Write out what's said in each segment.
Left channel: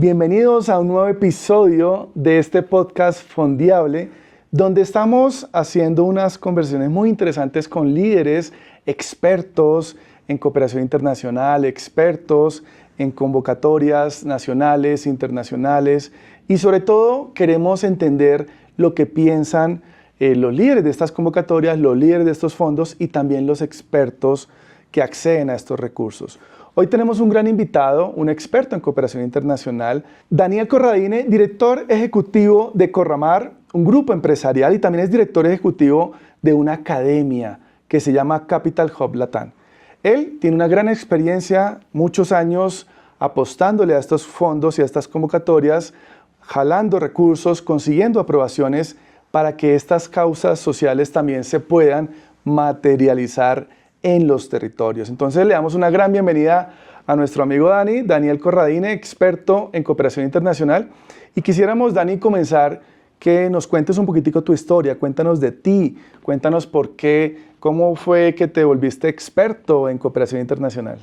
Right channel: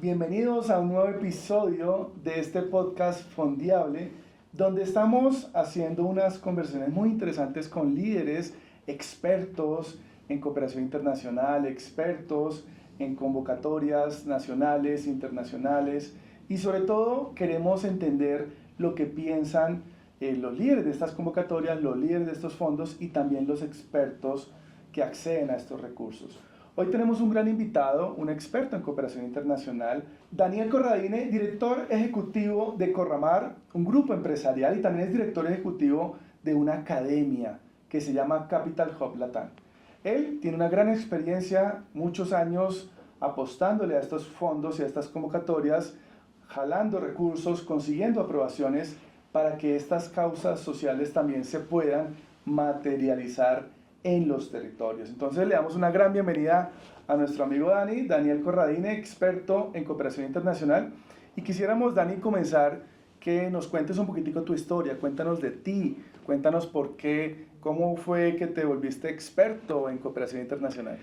Bienvenidos a un nuevo episodio de este podcast Fondiable, donde estamos haciendo unas conversaciones muy interesantes con líderes, expertos en cooperación internacional, expertos en convocatorias nacionales, internacionales, y sobre todo queremos entender lo que piensan los líderes de estas convocatorias, los líderes de estos fondos y también los expertos que acceden a estos recursos. Hoy tenemos un gran invitado, un experto en cooperación internacional, Daniel Corradine, director ejecutivo de Corramar, un grupo empresarial, y también es director ejecutivo de una academia que se llama Capital Hub Latam. Él tiene una gran experiencia, muchos años apostándole a estos fondos y a estas convocatorias, jalando recursos, consiguiendo aprobaciones para que estas causas sociales también se puedan materializar en los territorios. Entonces le damos una gran bienvenida a nuestro amigo Daniel Corradine, experto en cooperación internacional. Y quisiéramos, Dani, comenzar que nos cuentes un poquitico tu historia, cuéntanos de ti, cuéntanos por qué, cómo fue que te volviste experto en cooperación internacional.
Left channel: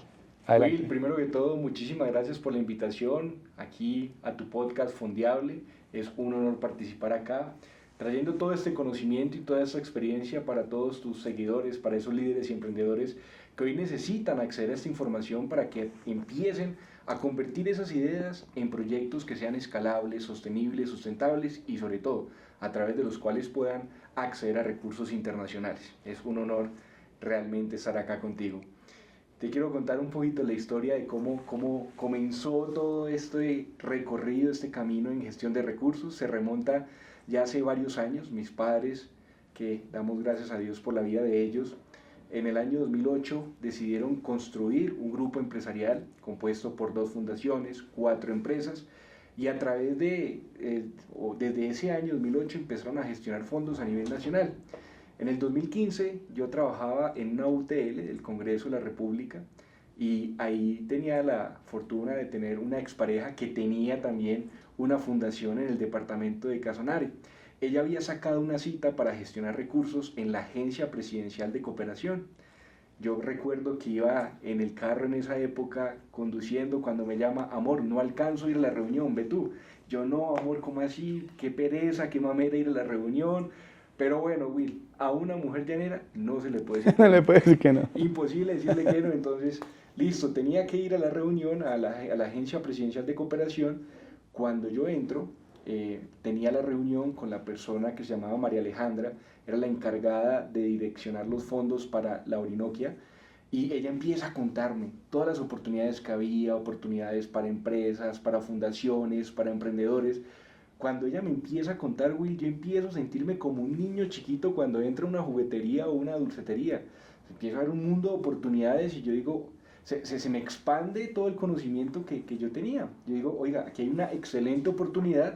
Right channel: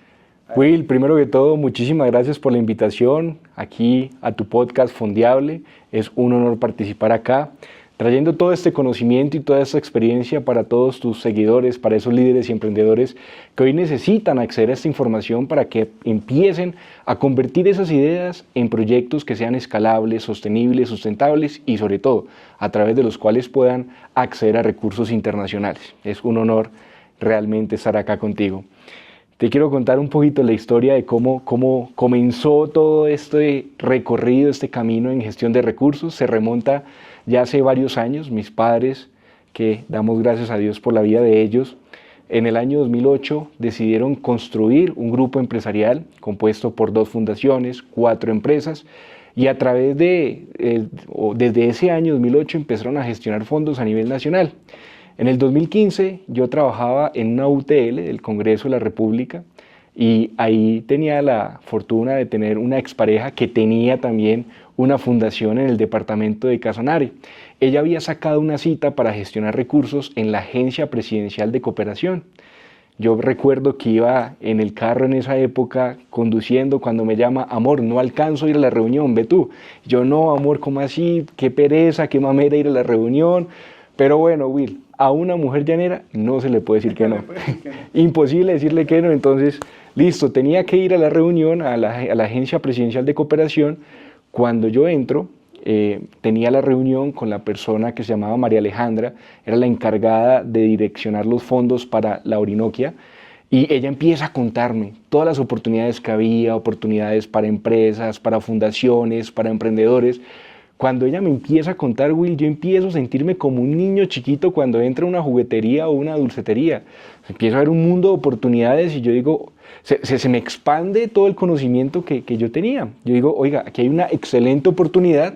Will, primero que todo, muchísimas gracias por la invitación aquí a tu podcast Fondiable. Es un honor participar acá, trayendo todo este conocimiento y toda esta experiencia para todos tus seguidores, para esos líderes y emprendedores que hoy necesitan acceder a esta información para que empiecen a convertir esas ideas en proyectos que sean escalables, sostenibles, sustentables y sobre todo a través de los cuales puedan acceder a recursos internacionales. Es un honor realmente estar acá contigo. Te quiero contar un poquito la historia de cómo comenzó todo este recorrido, este camino en gestión de recursos. Se remonta ya hace varios años. Mis padres, que damos gracias a Dios por la vida de ellos, en el año 2008 decidieron construir un grupo empresarial compuesto por 2 fundaciones, 4 empresas, y a través desde ese año 2008 empezaron a gestionar fondos a nivel nacional. En el 2015 yo trabajaba en una UTL del Congreso de la República y ahí tenía la fortuna de tener una expareja que tenía también una fundación en el departamento de Casanare. Ella había sacado una cita para gestionar recursos en la Agencia Presidencial de Cooperación. Yo recuerdo que iba en el carro en esa época conduciendo cuando me llama: amor, no alcanzo a ir a la reunión, ve tú. Yo: no, amor, ¿cómo así? Qué pereza, qué mamera ir a la reunión. Pero bueno, Will, a una mujer llanera no se le puede decir que no. No le puede decir que no. Imposible decirle que no. Entonces, listo, tenía que ir a la reunión, a la Agencia Presidencial de Cooperación. Cuando yo entro, tenía la reunión con la persona que se llamaba María Alejandra, era la encargada de direccionar los fondos para la Orinoquia, y ella empieza a contarme todas las oportunidades que había, oportunidades para empresas, para fundaciones, para emprendedores. Cuando ella me empieza a contar, Will, yo empiezo a sentirme como un niño chiquito cuando entra a una juguetería o una dulcetería. Empiezo a ver un mundo de oportunidades y yo digo, se me expande todo el conocimiento que yo tenía. Yo digo, oiga, aquí hay una excelente oportunidad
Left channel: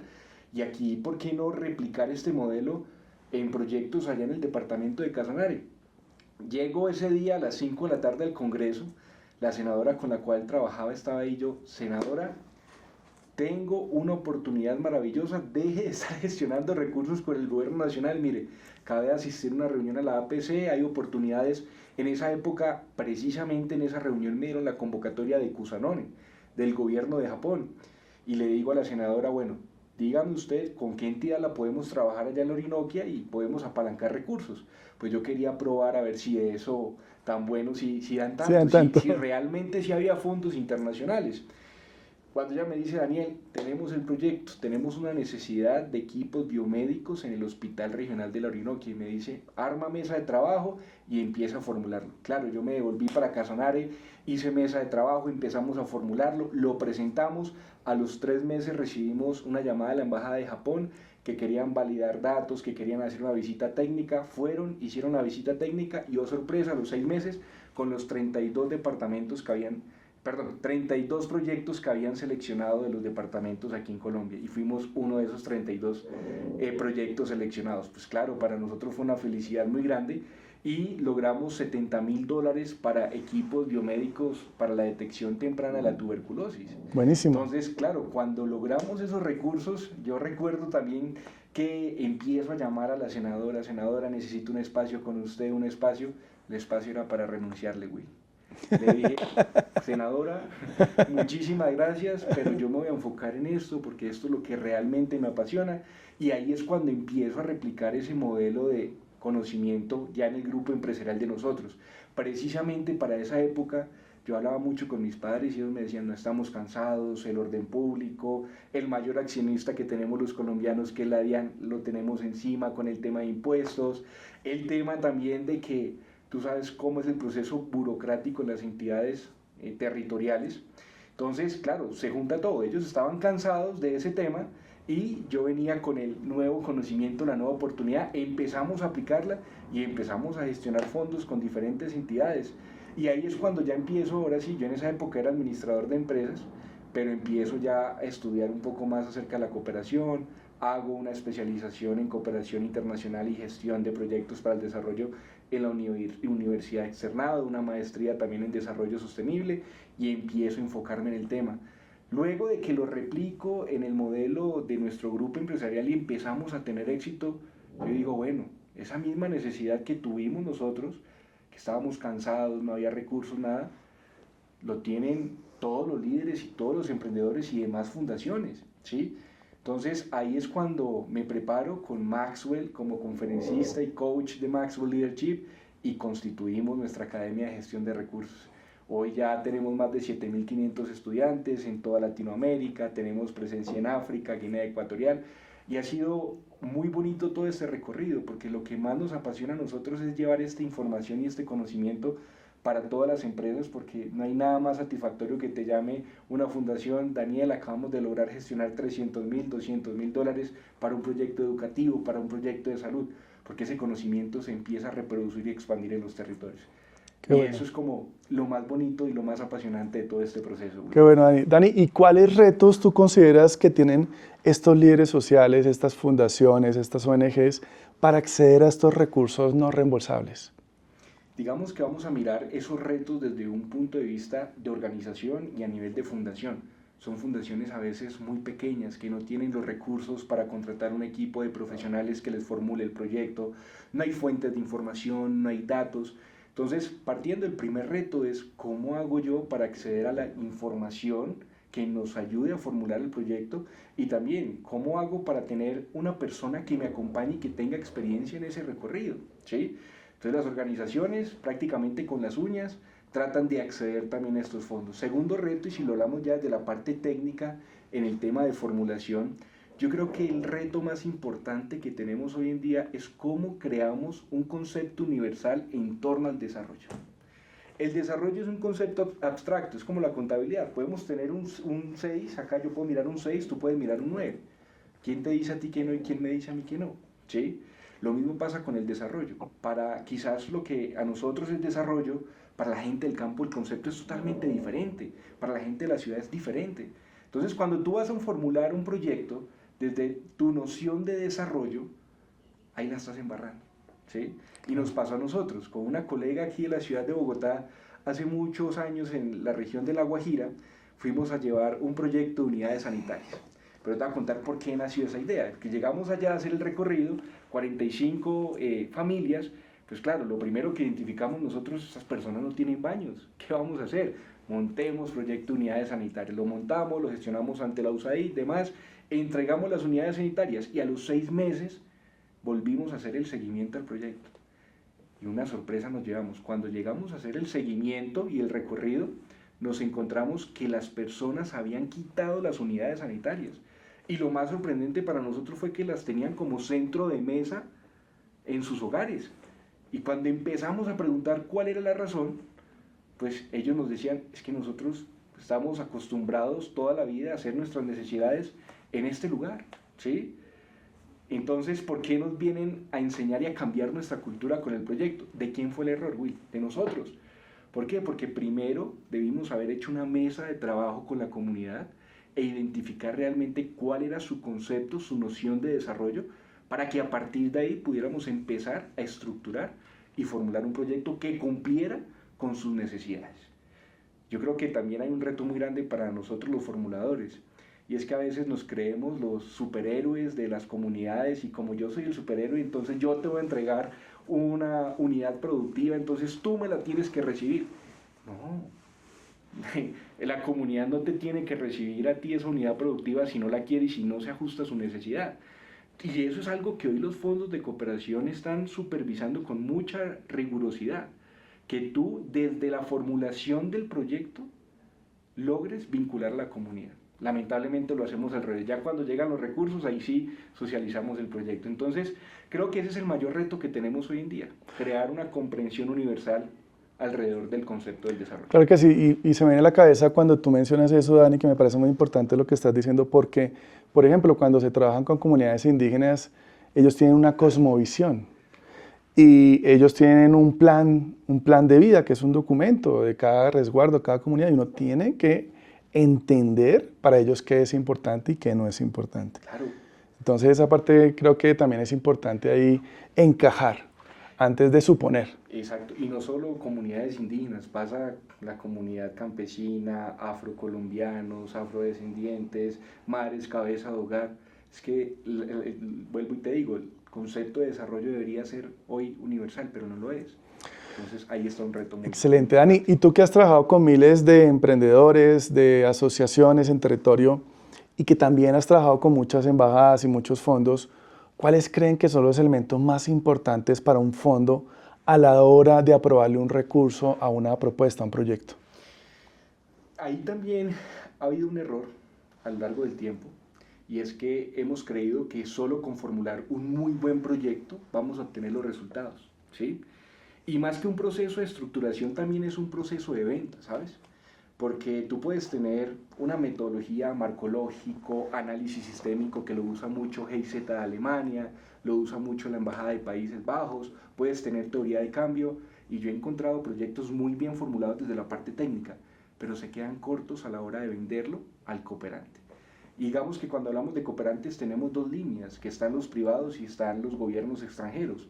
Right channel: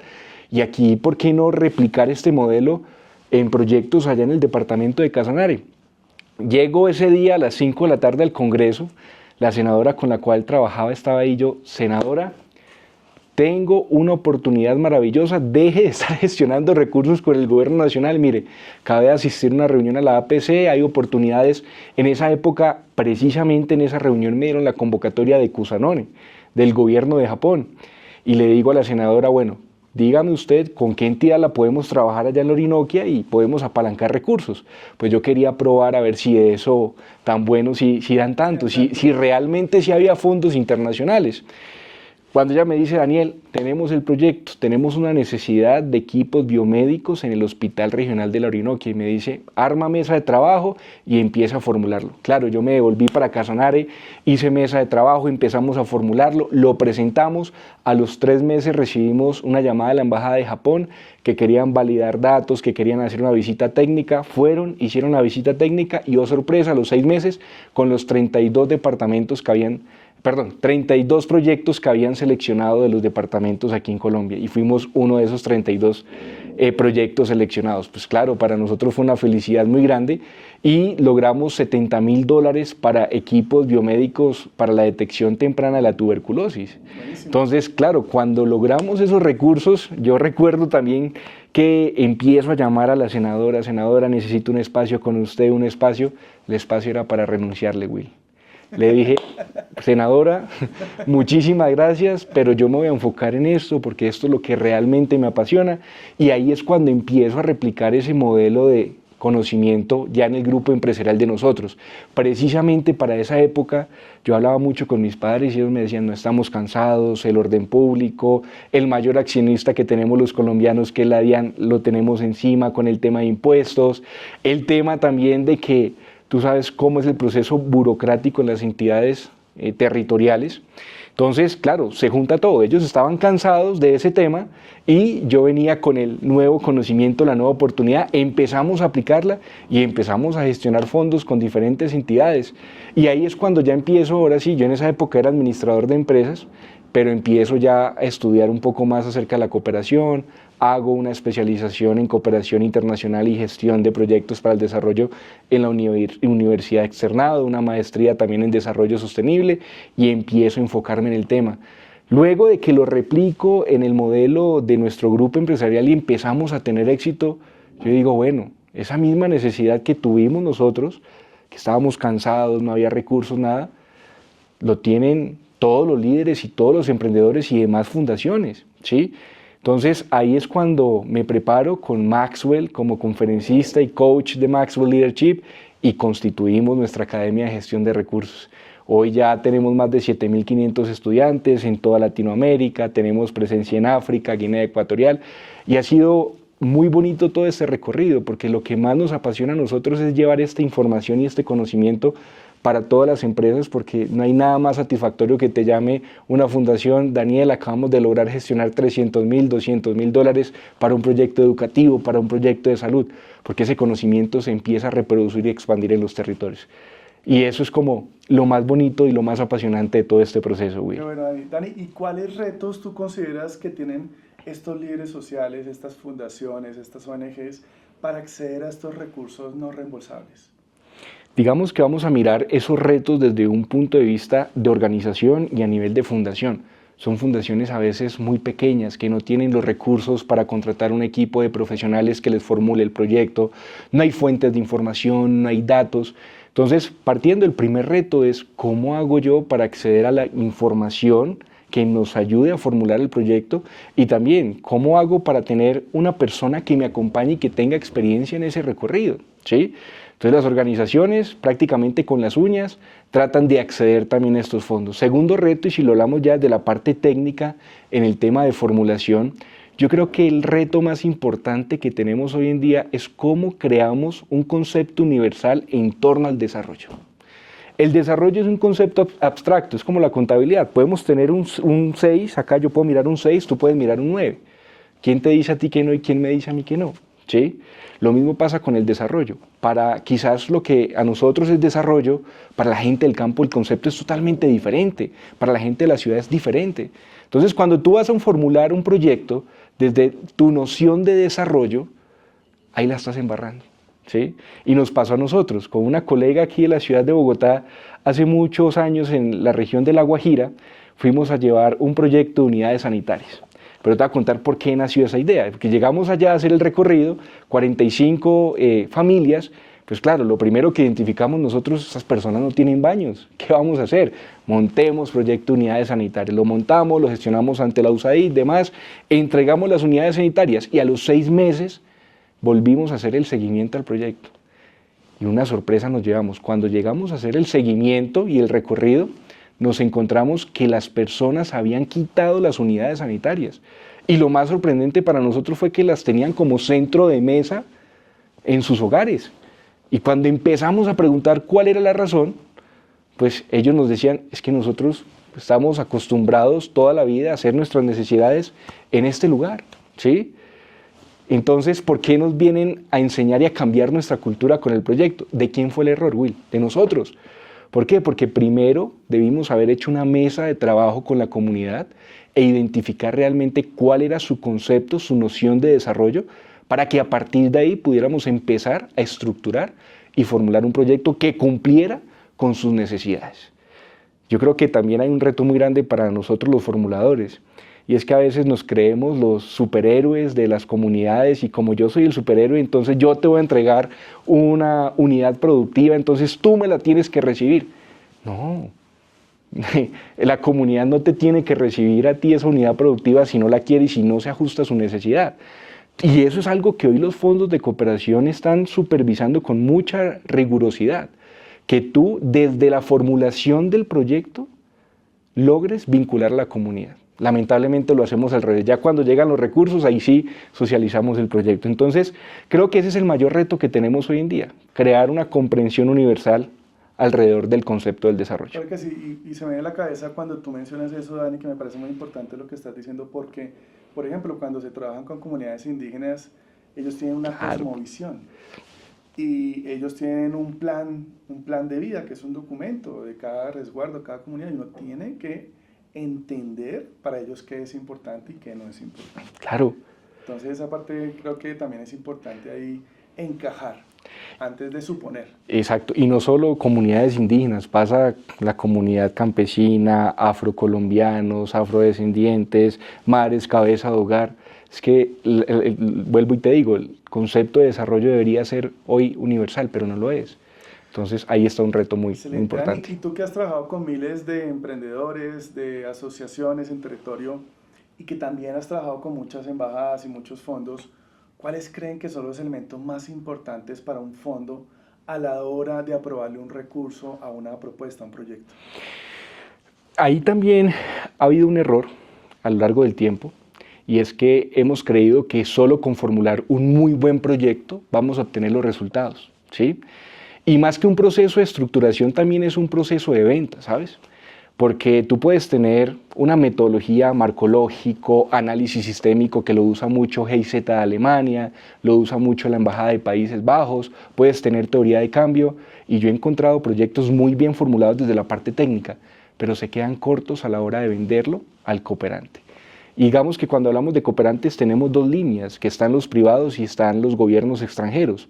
y aquí, ¿por qué no replicar este modelo en proyectos allá en el departamento de Casanare? Llego ese día a las 5 de la tarde al Congreso, la senadora con la cual trabajaba estaba ahí. Yo: senadora, tengo una oportunidad maravillosa, deje de estar gestionando recursos con el gobierno nacional. Mire, acabé de asistir a una reunión a la APC, hay oportunidades. En esa época, precisamente en esa reunión me dieron la convocatoria de Kusanone, del gobierno de Japón. Y le digo a la senadora: bueno, dígame usted con qué entidad la podemos trabajar allá en la Orinoquia y podemos apalancar recursos. Pues yo quería probar a ver si de eso tan bueno, si dan tanto, si realmente si había fondos internacionales. Cuando ella me dice: Daniel, tenemos el proyecto, tenemos una necesidad de equipos biomédicos en el Hospital Regional de la Orinoquia, y me dice: arma mesa de trabajo y empieza a formularlo. Claro, yo me devolví para Casanare, hice mesa de trabajo, empezamos a formularlo, lo presentamos. A los 3 meses recibimos una llamada de la Embajada de Japón que querían validar datos, que querían hacer una visita técnica. Fueron, hicieron la visita técnica y, oh sorpresa, a los 6 meses, con los 32 proyectos que habían seleccionado de los departamentos aquí en Colombia, y fuimos uno de esos 32 proyectos seleccionados. Pues claro, para nosotros fue una felicidad muy grande y logramos $70,000 para equipos biomédicos para la detección temprana de la tuberculosis. Buenísimo. Entonces, claro, cuando logramos esos recursos, yo recuerdo también que empiezo a llamar a la senadora: senadora, necesito un espacio con usted, un espacio. El espacio era para renunciarle, Will. Le dije, senadora, muchísimas gracias, pero yo me voy a enfocar en esto porque esto es lo que realmente me apasiona. Y ahí es cuando empiezo a replicar ese modelo de conocimiento ya en el grupo empresarial de nosotros. Precisamente para esa época yo hablaba mucho con mis padres y ellos me decían, no estamos cansados, el orden público, el mayor accionista que tenemos los colombianos, que es la DIAN, lo tenemos encima con el tema de impuestos, el tema también de que tú sabes cómo es el proceso burocrático en las entidades territoriales. Entonces, claro, se junta todo. Ellos estaban cansados de ese tema y yo venía con el nuevo conocimiento, la nueva oportunidad, empezamos a aplicarla y empezamos a gestionar fondos con diferentes entidades. Y ahí es cuando ya empiezo, ahora sí, yo en esa época era administrador de empresas, pero empiezo ya a estudiar un poco más acerca de la cooperación, hago una especialización en cooperación internacional y gestión de proyectos para el desarrollo en la Universidad Externado, una maestría también en desarrollo sostenible y empiezo a enfocarme en el tema. Luego de que lo replico en el modelo de nuestro grupo empresarial y empezamos a tener éxito, yo digo, bueno, esa misma necesidad que tuvimos nosotros, que estábamos cansados, no había recursos, nada, lo tienen todos los líderes y todos los emprendedores y demás fundaciones, ¿sí? Entonces ahí es cuando me preparo con Maxwell como conferencista y coach de Maxwell Leadership y constituimos nuestra Academia de Gestión de Recursos. Hoy ya tenemos más de 7.500 estudiantes en toda Latinoamérica, tenemos presencia en África, Guinea Ecuatorial y ha sido muy bonito todo este recorrido porque lo que más nos apasiona a nosotros es llevar esta información y este conocimiento para todas las empresas porque no hay nada más satisfactorio que te llame una fundación, Daniel, acabamos de lograr gestionar 300.000, 200.000 dólares para un proyecto educativo, para un proyecto de salud, porque ese conocimiento se empieza a reproducir y expandir en los territorios. Y eso es como lo más bonito y lo más apasionante de todo este proceso, güey. Qué bueno, Dani. Dani, ¿y cuáles retos tú consideras que tienen estos líderes sociales, estas fundaciones, estas ONGs para acceder a estos recursos no reembolsables? Digamos que vamos a mirar esos retos desde un punto de vista de organización y a nivel de fundación. Son fundaciones a veces muy pequeñas que no tienen los recursos para contratar un equipo de profesionales que les formule el proyecto, no hay fuentes de información, no hay datos. Entonces, partiendo del primer reto es cómo hago yo para acceder a la información que nos ayude a formular el proyecto y también cómo hago para tener una persona que me acompañe y que tenga experiencia en ese recorrido, ¿sí? Entonces las organizaciones prácticamente con las uñas tratan de acceder también a estos fondos. Segundo reto, y si lo hablamos ya de la parte técnica en el tema de formulación, yo creo que el reto más importante que tenemos hoy en día es cómo creamos un concepto universal en torno al desarrollo. El desarrollo es un concepto abstracto, es como la contabilidad. Podemos tener un 6, acá yo puedo mirar un 6, tú puedes mirar un 9. ¿Quién te dice a ti que no y quién me dice a mí que no? ¿Sí? Lo mismo pasa con el desarrollo. Para quizás lo que a nosotros es desarrollo, para la gente del campo el concepto es totalmente diferente, para la gente de la ciudad es diferente. Entonces, cuando tú vas a formular un proyecto, desde tu noción de desarrollo, ahí la estás embarrando, ¿sí? Y nos pasó a nosotros, con una colega aquí de la ciudad de Bogotá, hace muchos años en la región de La Guajira, fuimos a llevar un proyecto de unidades sanitarias. Pero te voy a contar por qué nació esa idea. Porque llegamos allá a hacer el recorrido, 45 familias, pues claro, lo primero que identificamos nosotros, esas personas no tienen baños. ¿Qué vamos a hacer? Montemos proyecto de unidades sanitarias. Lo montamos, lo gestionamos ante la USAID y demás, entregamos las unidades sanitarias y a los 6 meses volvimos a hacer el seguimiento al proyecto. Y una sorpresa nos llevamos. Cuando llegamos a hacer el seguimiento y el recorrido, nos encontramos que las personas habían quitado las unidades sanitarias. Y lo más sorprendente para nosotros fue que las tenían como centro de mesa en sus hogares. Y cuando empezamos a preguntar cuál era la razón, pues ellos nos decían, es que nosotros estamos acostumbrados toda la vida a hacer nuestras necesidades en este lugar, ¿sí? Entonces, ¿por qué nos vienen a enseñar y a cambiar nuestra cultura con el proyecto? ¿De quién fue el error, Will? De nosotros. ¿Por qué? Porque primero debimos haber hecho una mesa de trabajo con la comunidad e identificar realmente cuál era su concepto, su noción de desarrollo, para que a partir de ahí pudiéramos empezar a estructurar y formular un proyecto que cumpliera con sus necesidades. Yo creo que también hay un reto muy grande para nosotros los formuladores, y es que a veces nos creemos los superhéroes de las comunidades y como yo soy el superhéroe, entonces yo te voy a entregar una unidad productiva, entonces tú me la tienes que recibir. No. La comunidad no te tiene que recibir a ti esa unidad productiva si no la quiere y si no se ajusta a su necesidad. Y eso es algo que hoy los fondos de cooperación están supervisando con mucha rigurosidad, que tú desde la formulación del proyecto logres vincular a la comunidad. Lamentablemente lo hacemos al revés, ya cuando llegan los recursos ahí sí socializamos el proyecto. Entonces creo que ese es el mayor reto que tenemos hoy en día, crear una comprensión universal alrededor del concepto del desarrollo. Claro que sí, y se me viene a la cabeza cuando tú mencionas eso, Dani, que me parece muy importante lo que estás diciendo, porque, por ejemplo, cuando se trabajan con comunidades indígenas, ellos tienen una cosmovisión y ellos tienen un plan de vida, que es un documento de cada resguardo, cada comunidad, y uno tiene que entender para ellos qué es importante y qué no es importante. Claro. Entonces esa parte creo que también es importante ahí encajar antes de suponer. Exacto, y no solo comunidades indígenas, pasa la comunidad campesina, afrocolombianos, afrodescendientes, mares, cabeza de hogar. Es que, vuelvo y te digo, el concepto de desarrollo debería ser hoy universal, pero no lo es. Entonces ahí está un reto muy Excelente, importante. Dani. Y tú que has trabajado con miles de emprendedores, de asociaciones en territorio y que también has trabajado con muchas embajadas y muchos fondos, ¿cuáles creen que son los elementos más importantes para un fondo a la hora de aprobarle un recurso a una propuesta, a un proyecto? Ahí también ha habido un error a lo largo del tiempo, y es que hemos creído que solo con formular un muy buen proyecto vamos a obtener los resultados, ¿sí? Y más que un proceso de estructuración, también es un proceso de venta, ¿sabes? Porque tú puedes tener una metodología marcológico, análisis sistémico que lo usa mucho GIZ de Alemania, lo usa mucho la Embajada de Países Bajos, puedes tener teoría de cambio, y yo he encontrado proyectos muy bien formulados desde la parte técnica, pero se quedan cortos a la hora de venderlo al cooperante. Y digamos que cuando hablamos de cooperantes tenemos dos líneas, que están los privados y están los gobiernos extranjeros.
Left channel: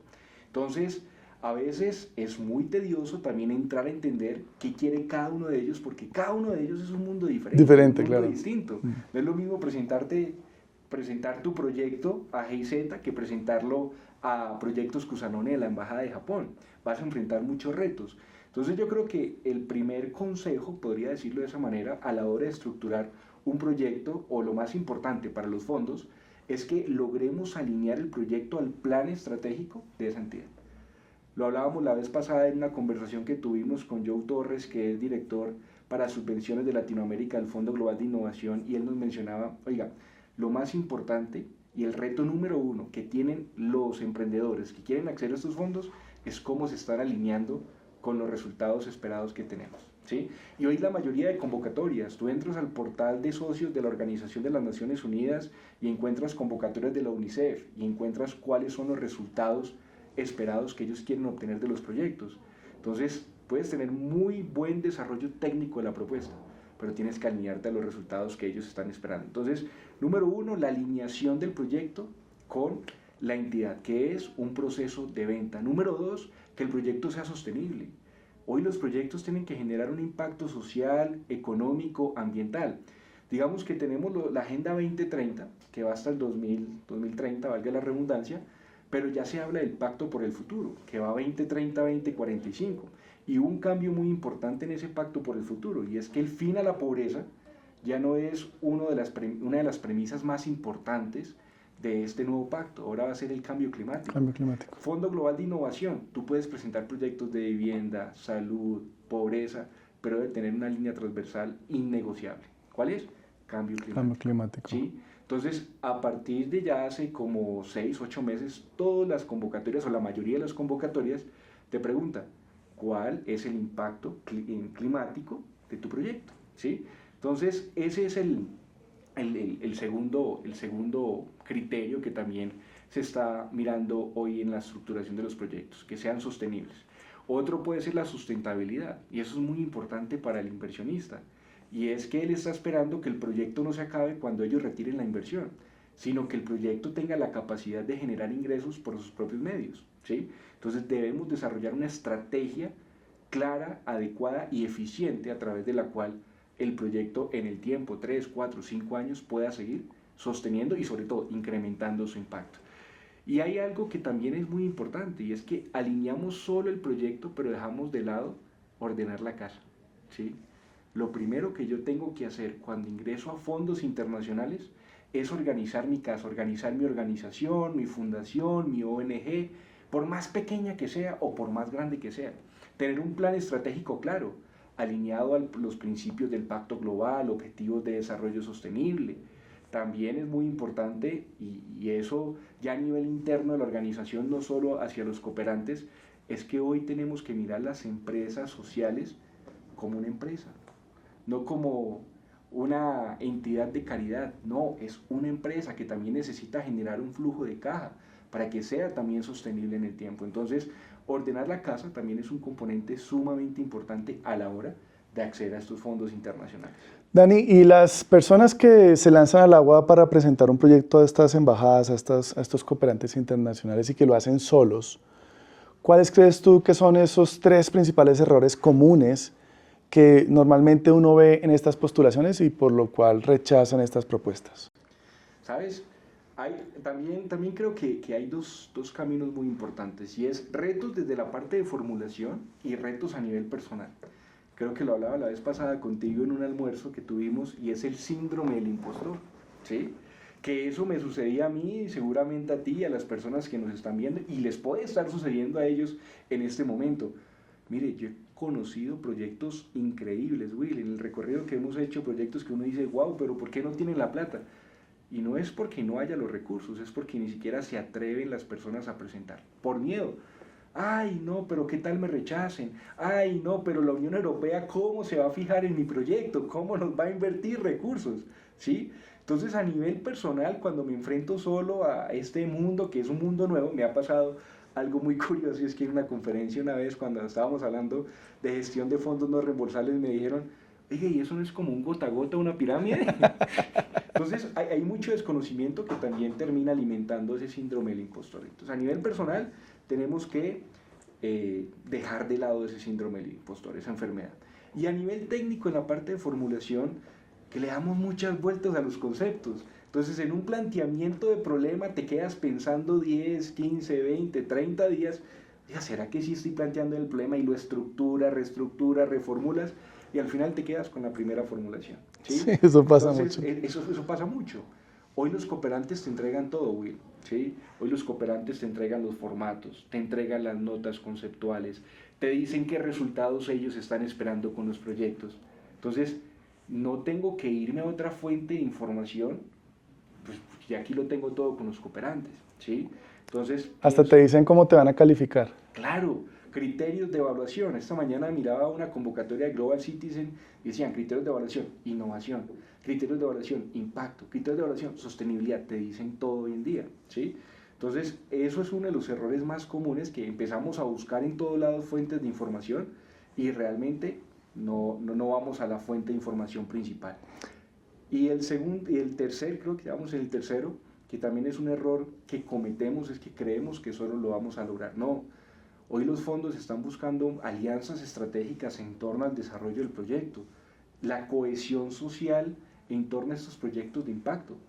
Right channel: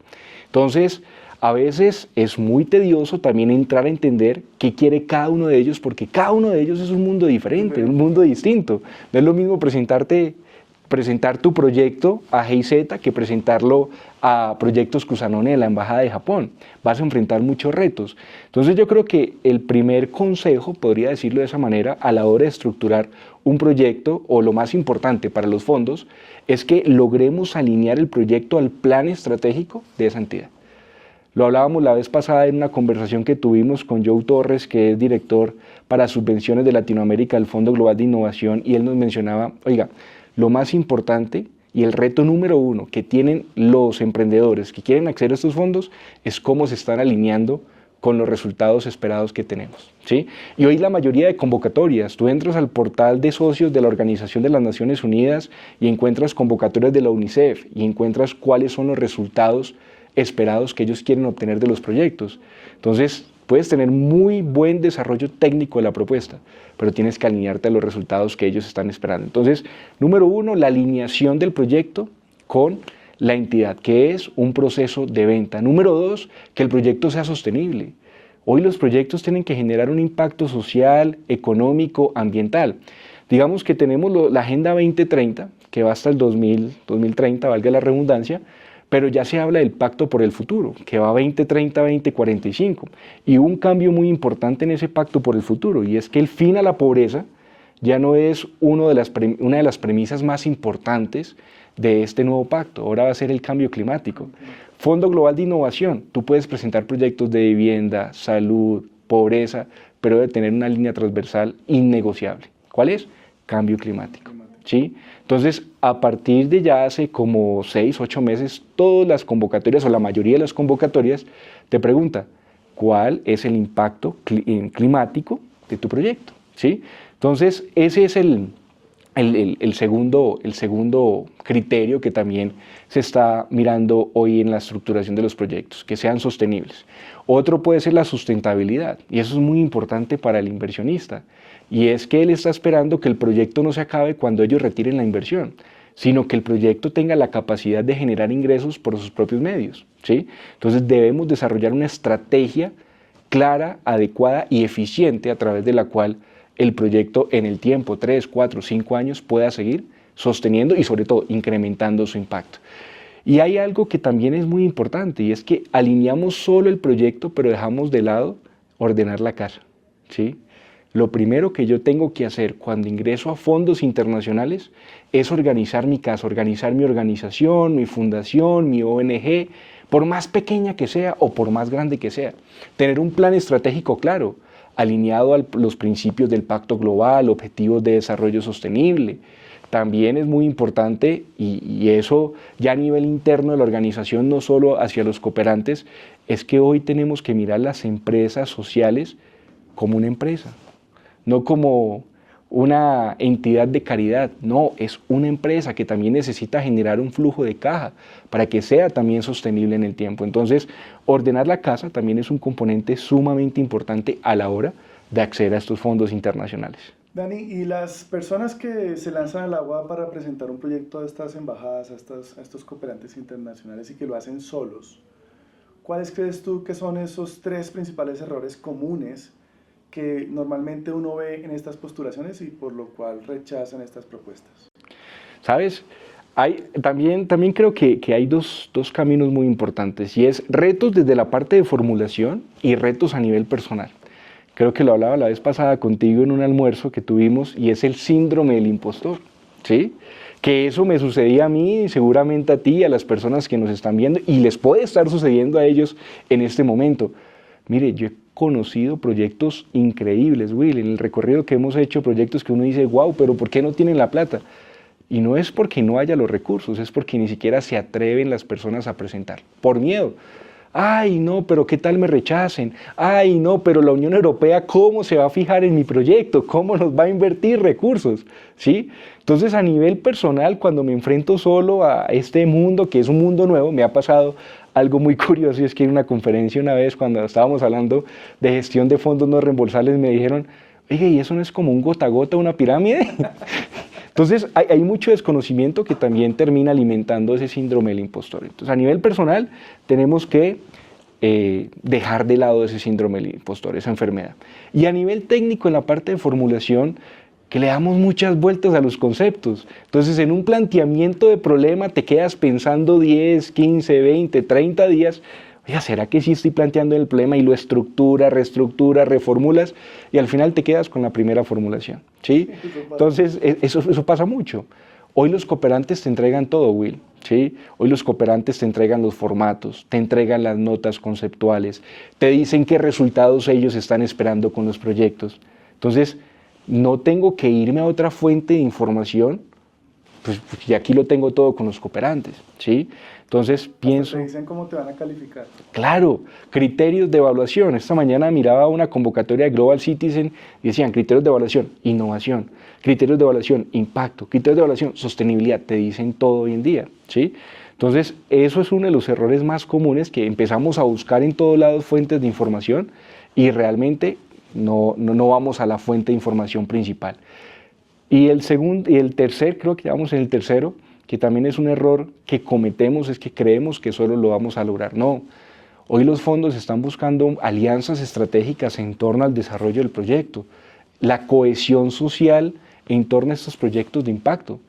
Entonces, a veces es muy tedioso también entrar a entender qué quiere cada uno de ellos, porque cada uno de ellos es un mundo diferente, un mundo claro. distinto. No es lo mismo presentar tu proyecto a GIZ que presentarlo a Proyectos Cusanone de la Embajada de Japón. Vas a enfrentar muchos retos. Entonces yo creo que el primer consejo, podría decirlo de esa manera, a la hora de estructurar un proyecto, o lo más importante para los fondos, es que logremos alinear el proyecto al plan estratégico de esa entidad. Lo hablábamos la vez pasada en una conversación que tuvimos con Joe Torres, que es director para subvenciones de Latinoamérica del Fondo Global de Innovación, y él nos mencionaba, oiga, lo más importante y el reto número uno que tienen los emprendedores que quieren acceder a estos fondos es cómo se están alineando con los resultados esperados que tenemos, ¿sí? Y hoy la mayoría de convocatorias, tú entras al portal de socios de la Organización de las Naciones Unidas y encuentras convocatorias de la UNICEF y encuentras cuáles son los resultados esperados que ellos quieren obtener de los proyectos. Entonces, puedes tener muy buen desarrollo técnico de la propuesta, pero tienes que alinearte a los resultados que ellos están esperando. Entonces, número uno, la alineación del proyecto con la entidad, que es un proceso de venta. Número dos, que el proyecto sea sostenible. Hoy los proyectos tienen que generar un impacto social, económico, ambiental. Digamos que tenemos la Agenda 2030, que va hasta el 2030, valga la redundancia, pero ya se habla del Pacto por el Futuro, que va 2030-2045. Y hubo un cambio muy importante en ese Pacto por el Futuro, y es que el fin a la pobreza ya no es una de las premisas más importantes de este nuevo pacto. Ahora va a ser el cambio climático. Fondo Global de Innovación. Tú puedes presentar proyectos de vivienda, salud, pobreza, pero debe tener una línea transversal innegociable. ¿Cuál es? Cambio climático. ¿Sí? Entonces, a partir de ya hace como 6, 8 meses, todas las convocatorias o la mayoría de las convocatorias te pregunta cuál es el impacto climático de tu proyecto. ¿Sí? Entonces, ese es el segundo criterio que también se está mirando hoy en la estructuración de los proyectos, que sean sostenibles. Otro puede ser la sustentabilidad, y eso es muy importante para el inversionista, y es que él está esperando que el proyecto no se acabe cuando ellos retiren la inversión, sino que el proyecto tenga la capacidad de generar ingresos por sus propios medios, ¿sí? Entonces debemos desarrollar una estrategia clara, adecuada y eficiente a través de la cual el proyecto en el tiempo, 3, 4, 5 años, pueda seguir sosteniendo y sobre todo incrementando su impacto. Y hay algo que también es muy importante, y es que alineamos solo el proyecto, pero dejamos de lado ordenar la casa. ¿sí? Lo primero que yo tengo que hacer cuando ingreso a fondos internacionales es organizar mi casa, organizar mi organización, mi fundación, mi ONG, por más pequeña que sea o por más grande que sea. Tener un plan estratégico claro, alineado a los principios del Pacto Global, objetivos de desarrollo sostenible. También es muy importante, y eso ya a nivel interno de la organización, no solo hacia los cooperantes, es que hoy tenemos que mirar las empresas sociales como una empresa, no como una entidad de caridad, no, es una empresa que también necesita generar un flujo de caja para que sea también sostenible en el tiempo. Entonces, ordenar la casa también es un componente sumamente importante a la hora de acceder a estos fondos internacionales. Dani, y las personas que se lanzan al agua para presentar un proyecto a estas embajadas, a estos cooperantes internacionales y que lo hacen solos, ¿cuáles crees tú que son esos 3 principales errores comunes que normalmente uno ve en estas postulaciones y por lo cual rechazan estas propuestas? ¿Sabes? También creo que hay dos caminos muy importantes, y es retos desde la parte de formulación y retos a nivel personal. Creo que lo hablaba la vez pasada contigo en un almuerzo que tuvimos, y es el síndrome del impostor, ¿sí? Que eso me sucedía a mí, seguramente a ti, a las personas que nos están viendo, y les puede estar sucediendo a ellos en este momento. Mire, yo he conocido proyectos increíbles, Will, en el recorrido que hemos hecho, proyectos que uno dice, wow, pero ¿por qué no tienen la plata? Y no es porque no haya los recursos, es porque ni siquiera se atreven las personas a presentar, por miedo. Ay, no, pero ¿qué tal me rechacen? Ay, no, pero la Unión Europea, ¿cómo se va a fijar en mi proyecto? ¿Cómo nos va a invertir recursos? ¿Sí? Entonces, a nivel personal, cuando me enfrento solo a este mundo, que es un mundo nuevo, me ha pasado algo muy curioso, y es que en una conferencia una vez, cuando estábamos hablando de gestión de fondos no reembolsables, me dijeron, oye, ¿y eso no es como un gota a gota, una pirámide? Entonces, hay mucho desconocimiento que también termina alimentando ese síndrome del impostor. Entonces, a nivel personal, tenemos que dejar de lado ese síndrome del impostor, esa enfermedad. Y a nivel técnico, en la parte de formulación, que le damos muchas vueltas a los conceptos. Entonces, en un planteamiento de problema te quedas pensando 10, 15, 20, 30 días, oye, ¿será que sí estoy planteando el problema? Y lo reestructuras, reformulas, y al final te quedas con la primera formulación, ¿sí? Sí, eso pasa Entonces, mucho. eso pasa mucho. Hoy los cooperantes te entregan todo, Will, ¿sí? Hoy los cooperantes te entregan los formatos, te entregan las notas conceptuales, te dicen qué resultados ellos están esperando con los proyectos. Entonces, no tengo que irme a otra fuente de información, pues y aquí lo tengo todo con los cooperantes, ¿sí? Entonces, Hasta pienso, te dicen cómo te van a calificar. claro, criterios de evaluación. Esta mañana miraba una convocatoria de Global Citizen y decían criterios de evaluación, innovación, criterios de evaluación, impacto, criterios de evaluación, sostenibilidad. Te dicen todo hoy en día, ¿sí? Entonces, eso es uno de los errores más comunes, que empezamos a buscar en todos lados fuentes de información y realmente no vamos a la fuente de información principal. Y el tercer, creo que vamos en el tercero, que también es un error que cometemos, es que creemos que solo lo vamos a lograr. No, hoy los fondos están buscando alianzas estratégicas en torno al desarrollo del proyecto, la cohesión social en torno a estos proyectos de impacto.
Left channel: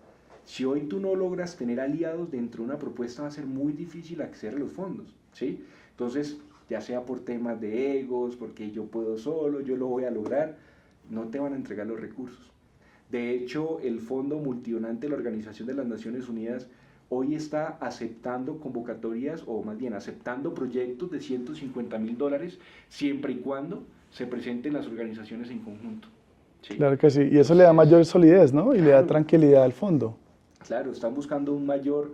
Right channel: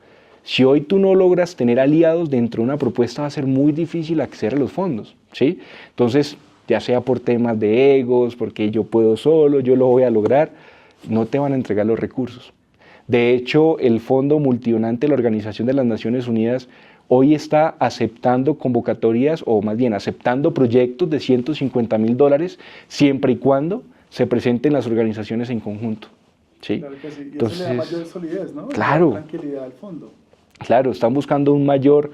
Si hoy tú no logras tener aliados dentro de una propuesta, va a ser muy difícil acceder a los fondos, ¿sí? Entonces, ya sea por temas de egos, porque yo puedo solo, yo lo voy a lograr, no te van a entregar los recursos. De hecho, el Fondo Multidonante de la Organización de las Naciones Unidas hoy está aceptando convocatorias, o más bien aceptando proyectos de $150.000, siempre y cuando se presenten las organizaciones en conjunto, ¿sí? Claro que sí. Y eso le da Entonces, mayor solidez, ¿no? Y le da claro, tranquilidad al fondo. claro, están buscando un mayor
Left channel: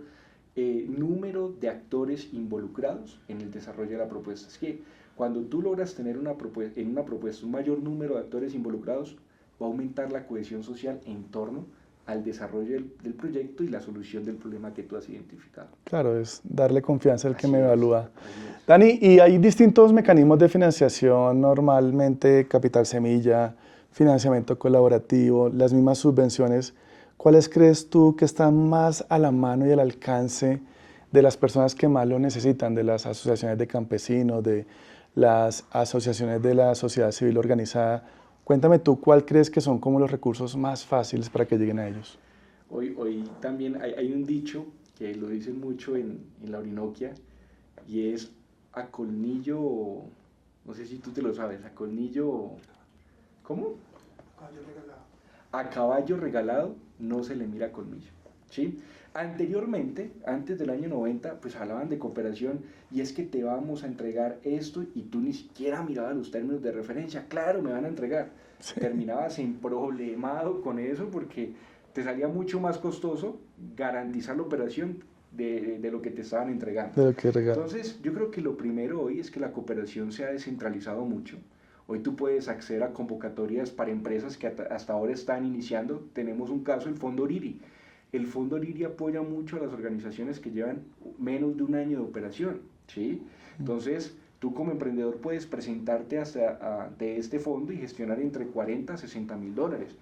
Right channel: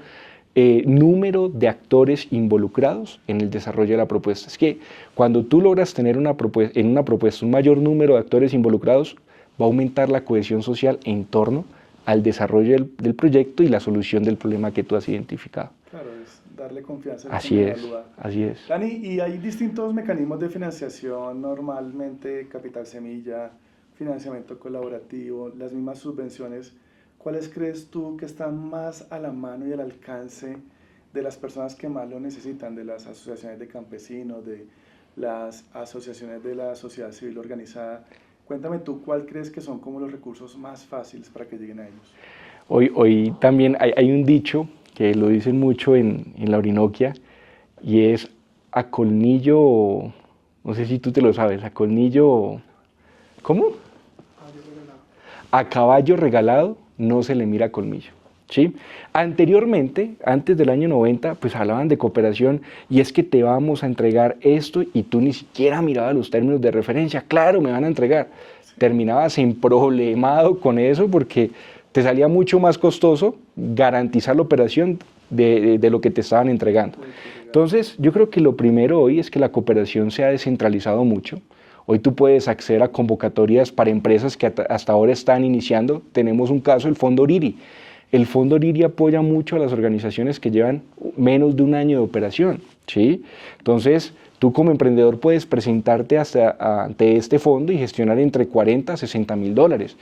número de actores involucrados en el desarrollo de la propuesta. Es que cuando tú logras tener en una propuesta un mayor número de actores involucrados, va a aumentar la cohesión social en torno al desarrollo del proyecto y la solución del problema que tú has identificado. Claro, es darle confianza al que Así me es, evalúa. así es. Dani, y hay distintos mecanismos de financiación, normalmente capital semilla, financiamiento colaborativo, las mismas subvenciones. ¿Cuáles crees tú que están más a la mano y al alcance de las personas que más lo necesitan, de las asociaciones de campesinos, de las asociaciones de la sociedad civil organizada? Cuéntame tú, ¿cuál crees que son como los recursos más fáciles para que lleguen a ellos? Hoy también hay un dicho que lo dicen mucho en la Orinoquia, y es a colmillo, no sé si tú te lo sabes, a colmillo ¿Cómo? A caballo regalado no se le mira colmillo, ¿sí? Anteriormente, antes del año 90, pues hablaban de cooperación y es que te vamos a entregar esto y tú ni siquiera mirabas los términos de referencia. Claro, me van a entregar. Sí. Terminabas emproblemado con eso porque te salía mucho más costoso garantizar la operación de lo que te estaban entregando. Entonces, yo creo que lo primero hoy es que la cooperación se ha descentralizado mucho. Hoy tú puedes acceder a convocatorias para empresas que hasta ahora están iniciando. Tenemos un caso, el Fondo Oriri. El Fondo Oriri apoya mucho a las organizaciones que llevan menos de un año de operación, ¿sí? Entonces, tú como emprendedor puedes presentarte ante este fondo y gestionar entre 40 a 60 mil dólares.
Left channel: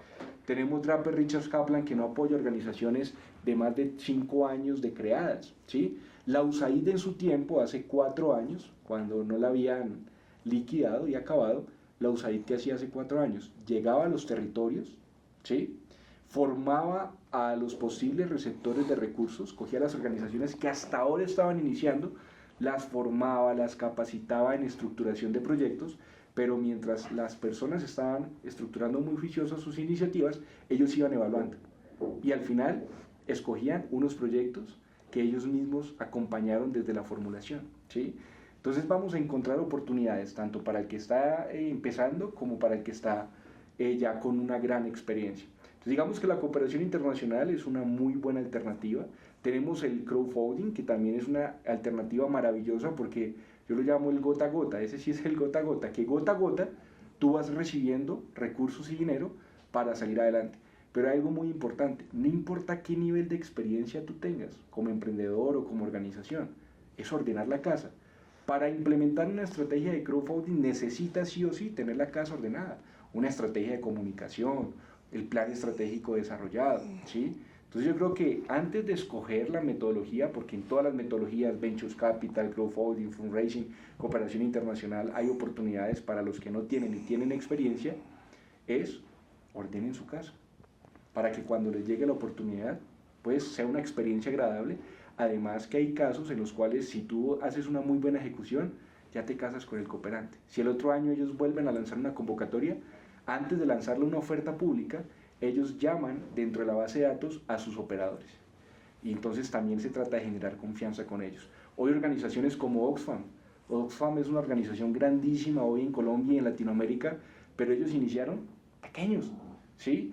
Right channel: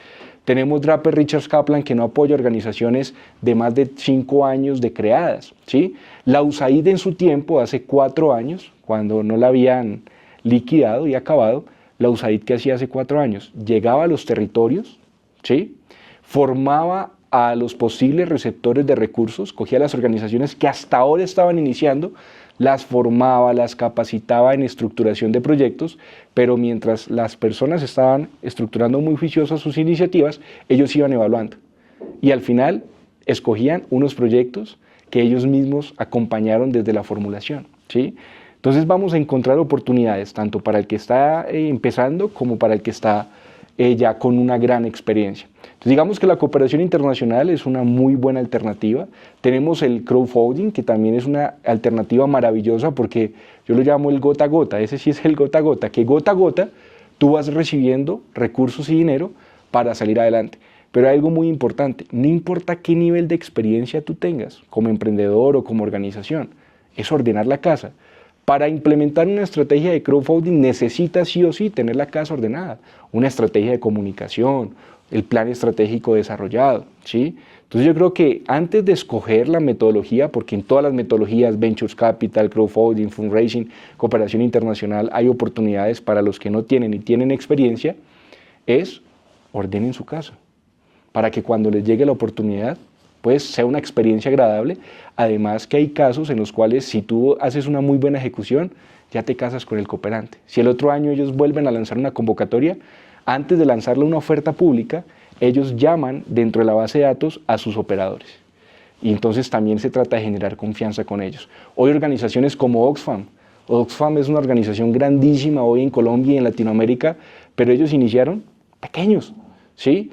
Tenemos Draper Richards Kaplan, que no apoya organizaciones de más de 5 años de creadas, ¿sí? La USAID en su tiempo, hace 4 años, cuando no la habían liquidado y acabado, la USAID que hacía hace 4 años, llegaba a los territorios, ¿sí? Formaba a los posibles receptores de recursos, cogía las organizaciones que hasta ahora estaban iniciando, las formaba, las capacitaba en estructuración de proyectos, pero mientras las personas estaban estructurando muy juiciosas sus iniciativas, ellos iban evaluando. Y al final escogían unos proyectos que ellos mismos acompañaron desde la formulación, ¿sí? Entonces vamos a encontrar oportunidades tanto para el que está empezando como para el que está ya con una gran experiencia. Entonces digamos que la cooperación internacional es una muy buena alternativa. Tenemos el crowdfunding, que también es una alternativa maravillosa porque yo lo llamo el gota a gota. Ese sí es el gota a gota, que gota a gota tú vas recibiendo recursos y dinero para salir adelante. Pero hay algo muy importante, no importa qué nivel de experiencia tú tengas como emprendedor o como organización, es ordenar la casa. Para implementar una estrategia de crowdfunding necesitas sí o sí tener la casa ordenada, una estrategia de comunicación, el plan estratégico desarrollado, ¿sí? Entonces yo creo que antes de escoger la metodología, porque en todas las metodologías, Ventures Capital, crowdfunding, fundraising, cooperación internacional, hay oportunidades para los que no tienen y tienen experiencia, es ordenen su casa, para que cuando les llegue la oportunidad, pues sea una experiencia agradable. Además que hay casos en los cuales si tú haces una muy buena ejecución, ya te casas con el cooperante. Si el otro año ellos vuelven a lanzar una convocatoria, antes de lanzarle una oferta pública, ellos llaman dentro de la base de datos a sus operadores. Y entonces también se trata de generar confianza con ellos. Hoy organizaciones como Oxfam. Oxfam es una organización grandísima hoy en Colombia y en Latinoamérica, pero ellos iniciaron pequeños, ¿sí?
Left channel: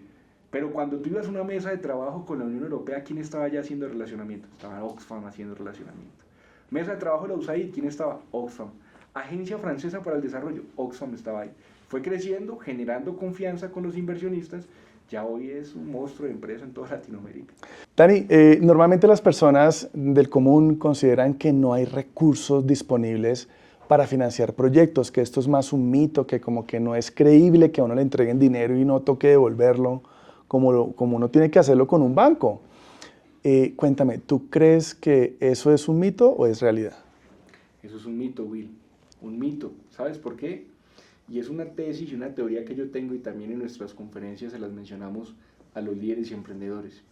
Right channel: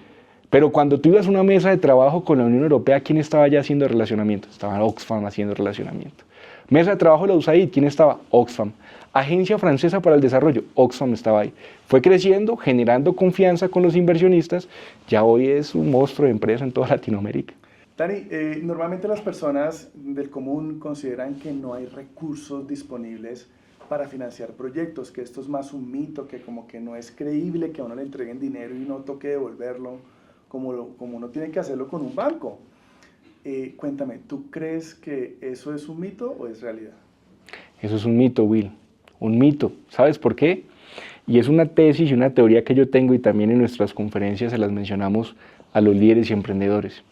Pero cuando tú ibas a una mesa de trabajo con la Unión Europea, ¿quién estaba ya haciendo relacionamiento? Estaba Oxfam haciendo relacionamiento. Mesa de trabajo de la USAID, ¿quién estaba? Oxfam. Agencia Francesa para el Desarrollo, Oxfam estaba ahí. Fue creciendo, generando confianza con los inversionistas. Ya hoy es un monstruo de empresa en toda Latinoamérica. Dani, normalmente las personas del común consideran que no hay recursos disponibles para financiar proyectos, que esto es más un mito, que como que no es creíble que a uno le entreguen dinero y no toque devolverlo, como uno tiene que hacerlo con un banco. Cuéntame, ¿tú crees que eso es un mito o es realidad? Eso es un mito, Will, un mito. ¿Sabes por qué? Y es una tesis y una teoría que yo tengo y también en nuestras conferencias se las mencionamos a los líderes y emprendedores.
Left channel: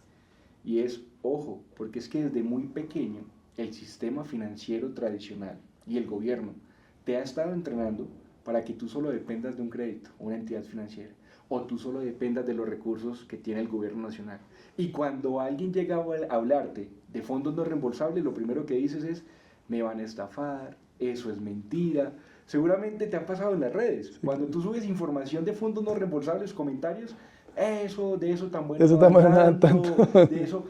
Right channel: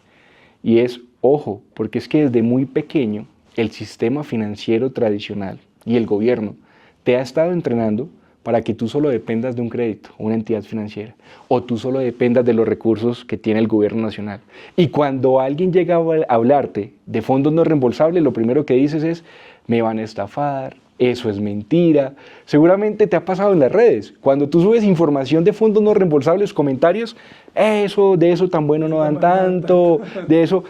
Y es, ojo, porque es que desde muy pequeño el sistema financiero tradicional y el gobierno te ha estado entrenando para que tú solo dependas de un crédito, una entidad financiera, o tú solo dependas de los recursos que tiene el gobierno nacional. Y cuando alguien llega a hablarte de fondos no reembolsables, lo primero que dices es, me van a estafar, eso es mentira. Seguramente te ha pasado en las redes. Cuando tú subes información de fondos no reembolsables, comentarios, de eso tan bueno no dan tanto, de eso,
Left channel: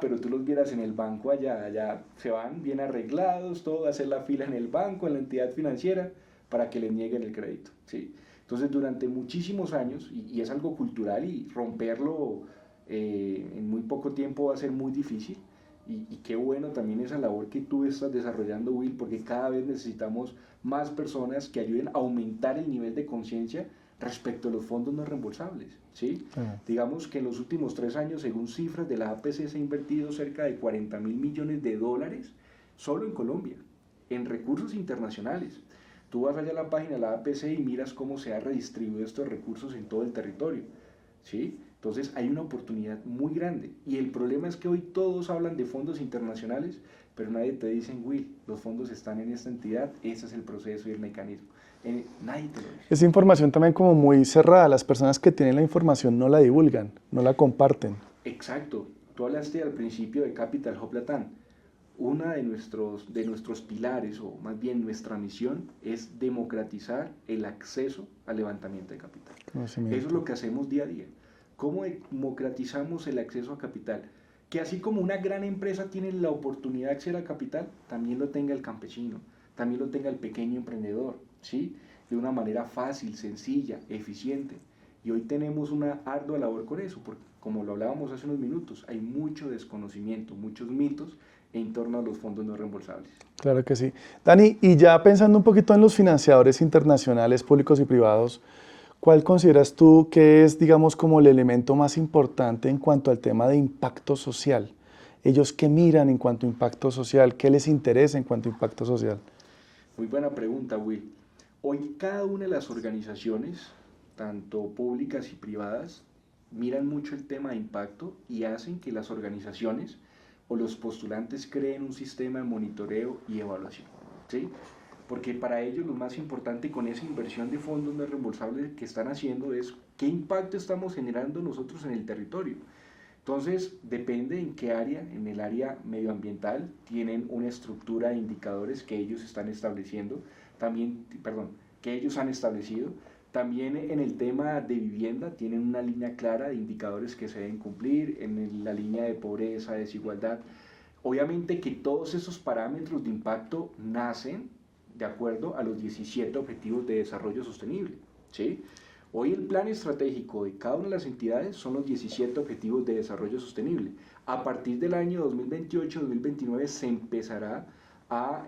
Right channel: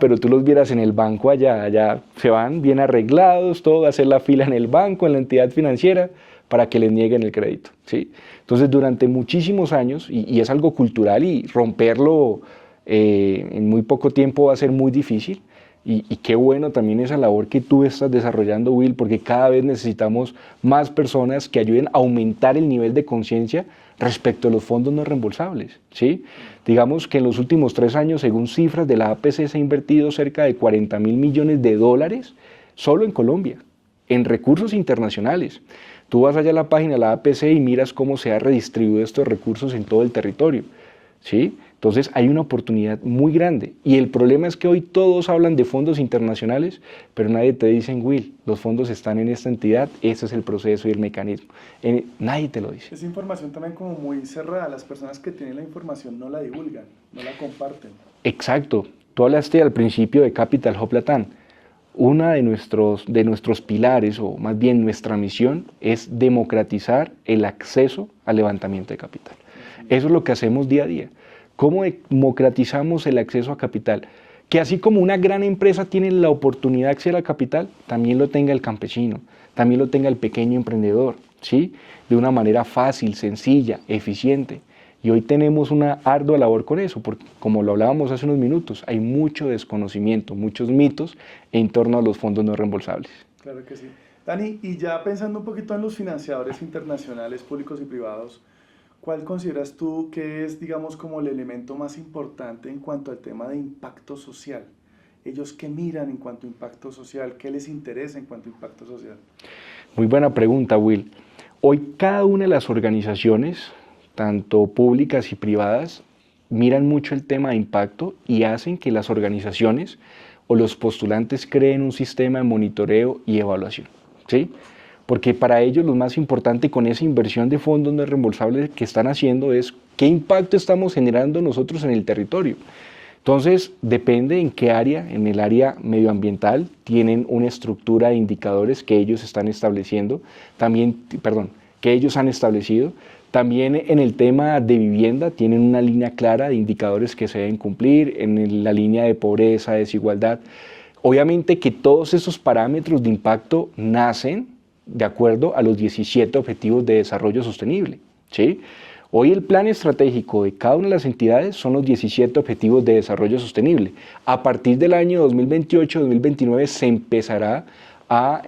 pero tú los vieras en el banco allá se van bien arreglados, todo, a hacer la fila en el banco, en la entidad financiera, para que les nieguen el crédito, ¿sí? Entonces, durante muchísimos años, y es algo cultural y romperlo en muy poco tiempo va a ser muy difícil, y qué bueno también esa labor que tú estás desarrollando, Will, porque cada vez necesitamos más personas que ayuden a aumentar el nivel de conciencia respecto a los fondos no reembolsables, ¿sí? Digamos que en los últimos 3 años, según cifras de la APC, se ha invertido cerca de 40.000 millones de dólares solo en Colombia, en recursos internacionales. Tú vas allá a la página de la APC y miras cómo se ha redistribuido estos recursos en todo el territorio, ¿sí? Entonces hay una oportunidad muy grande y el problema es que hoy todos hablan de fondos internacionales, pero nadie te dice, Will, los fondos están en esta entidad, ese es el proceso y el mecanismo. Nadie te lo dice. Es información también como muy cerrada, las personas que tienen la información no la divulgan, no la comparten. Exacto, tú hablaste al principio de Capital Hub Latam. Una de nuestros pilares, o más bien nuestra misión, es democratizar el acceso al levantamiento de capital. Eso es lo que hacemos día a día. ¿Cómo democratizamos el acceso a capital? Que así como una gran empresa tiene la oportunidad de acceder al capital, también lo tenga el campesino, también lo tenga el pequeño emprendedor, ¿sí? De una manera fácil, sencilla, eficiente. Y hoy tenemos una ardua labor con eso, porque como lo hablábamos hace unos minutos, hay mucho desconocimiento, muchos mitos en torno a los fondos no reembolsables. Claro que sí. Dani, y ya pensando un poquito en los financiadores internacionales, públicos y privados, ¿cuál consideras tú que es, digamos, como el elemento más importante en cuanto al tema de impacto social? ¿Ellos qué miran en cuanto a impacto social? ¿Qué les interesa en cuanto a impacto social? Muy buena pregunta, Will. Hoy cada una de las organizaciones, tanto públicas y privadas, miran mucho el tema de impacto y hacen que las organizaciones o los postulantes creen un sistema de monitoreo y evaluación, ¿sí? Porque para ellos lo más importante con esa inversión de fondos no reembolsables que están haciendo es qué impacto estamos generando nosotros en el territorio. Entonces, depende en qué área, en el área medioambiental, tienen una estructura de indicadores que ellos están estableciendo, que ellos han establecido. También en el tema de vivienda tienen una línea clara de indicadores que se deben cumplir, en la línea de pobreza, desigualdad. Obviamente que todos esos parámetros de impacto nacen de acuerdo a los 17 Objetivos de Desarrollo Sostenible, ¿sí? Hoy el plan estratégico de cada una de las entidades son los 17 Objetivos de Desarrollo Sostenible. A partir del año 2028-2029 se empezará a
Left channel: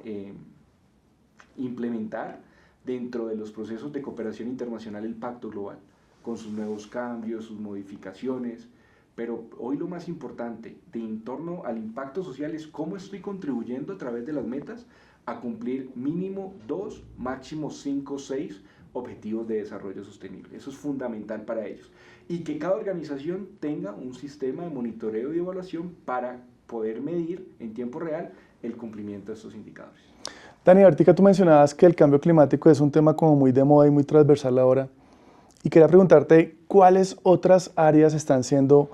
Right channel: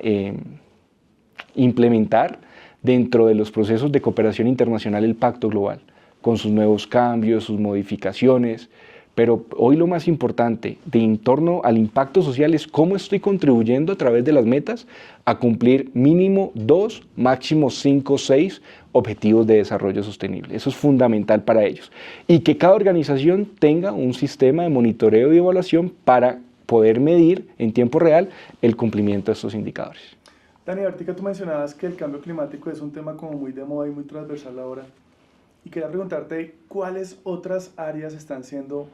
implementar dentro de los procesos de cooperación internacional el Pacto Global, con sus nuevos cambios, sus modificaciones. Pero hoy lo más importante en torno al impacto social es cómo estoy contribuyendo a través de las metas a cumplir mínimo 2, máximo 5, 6 objetivos de desarrollo sostenible. Eso es fundamental para ellos. Y que cada organización tenga un sistema de monitoreo y evaluación para poder medir en tiempo real el cumplimiento de estos indicadores. Dani, ahorita tú mencionabas que el cambio climático es un tema como muy de moda y muy transversal ahora. Y quería preguntarte cuáles otras áreas están siendo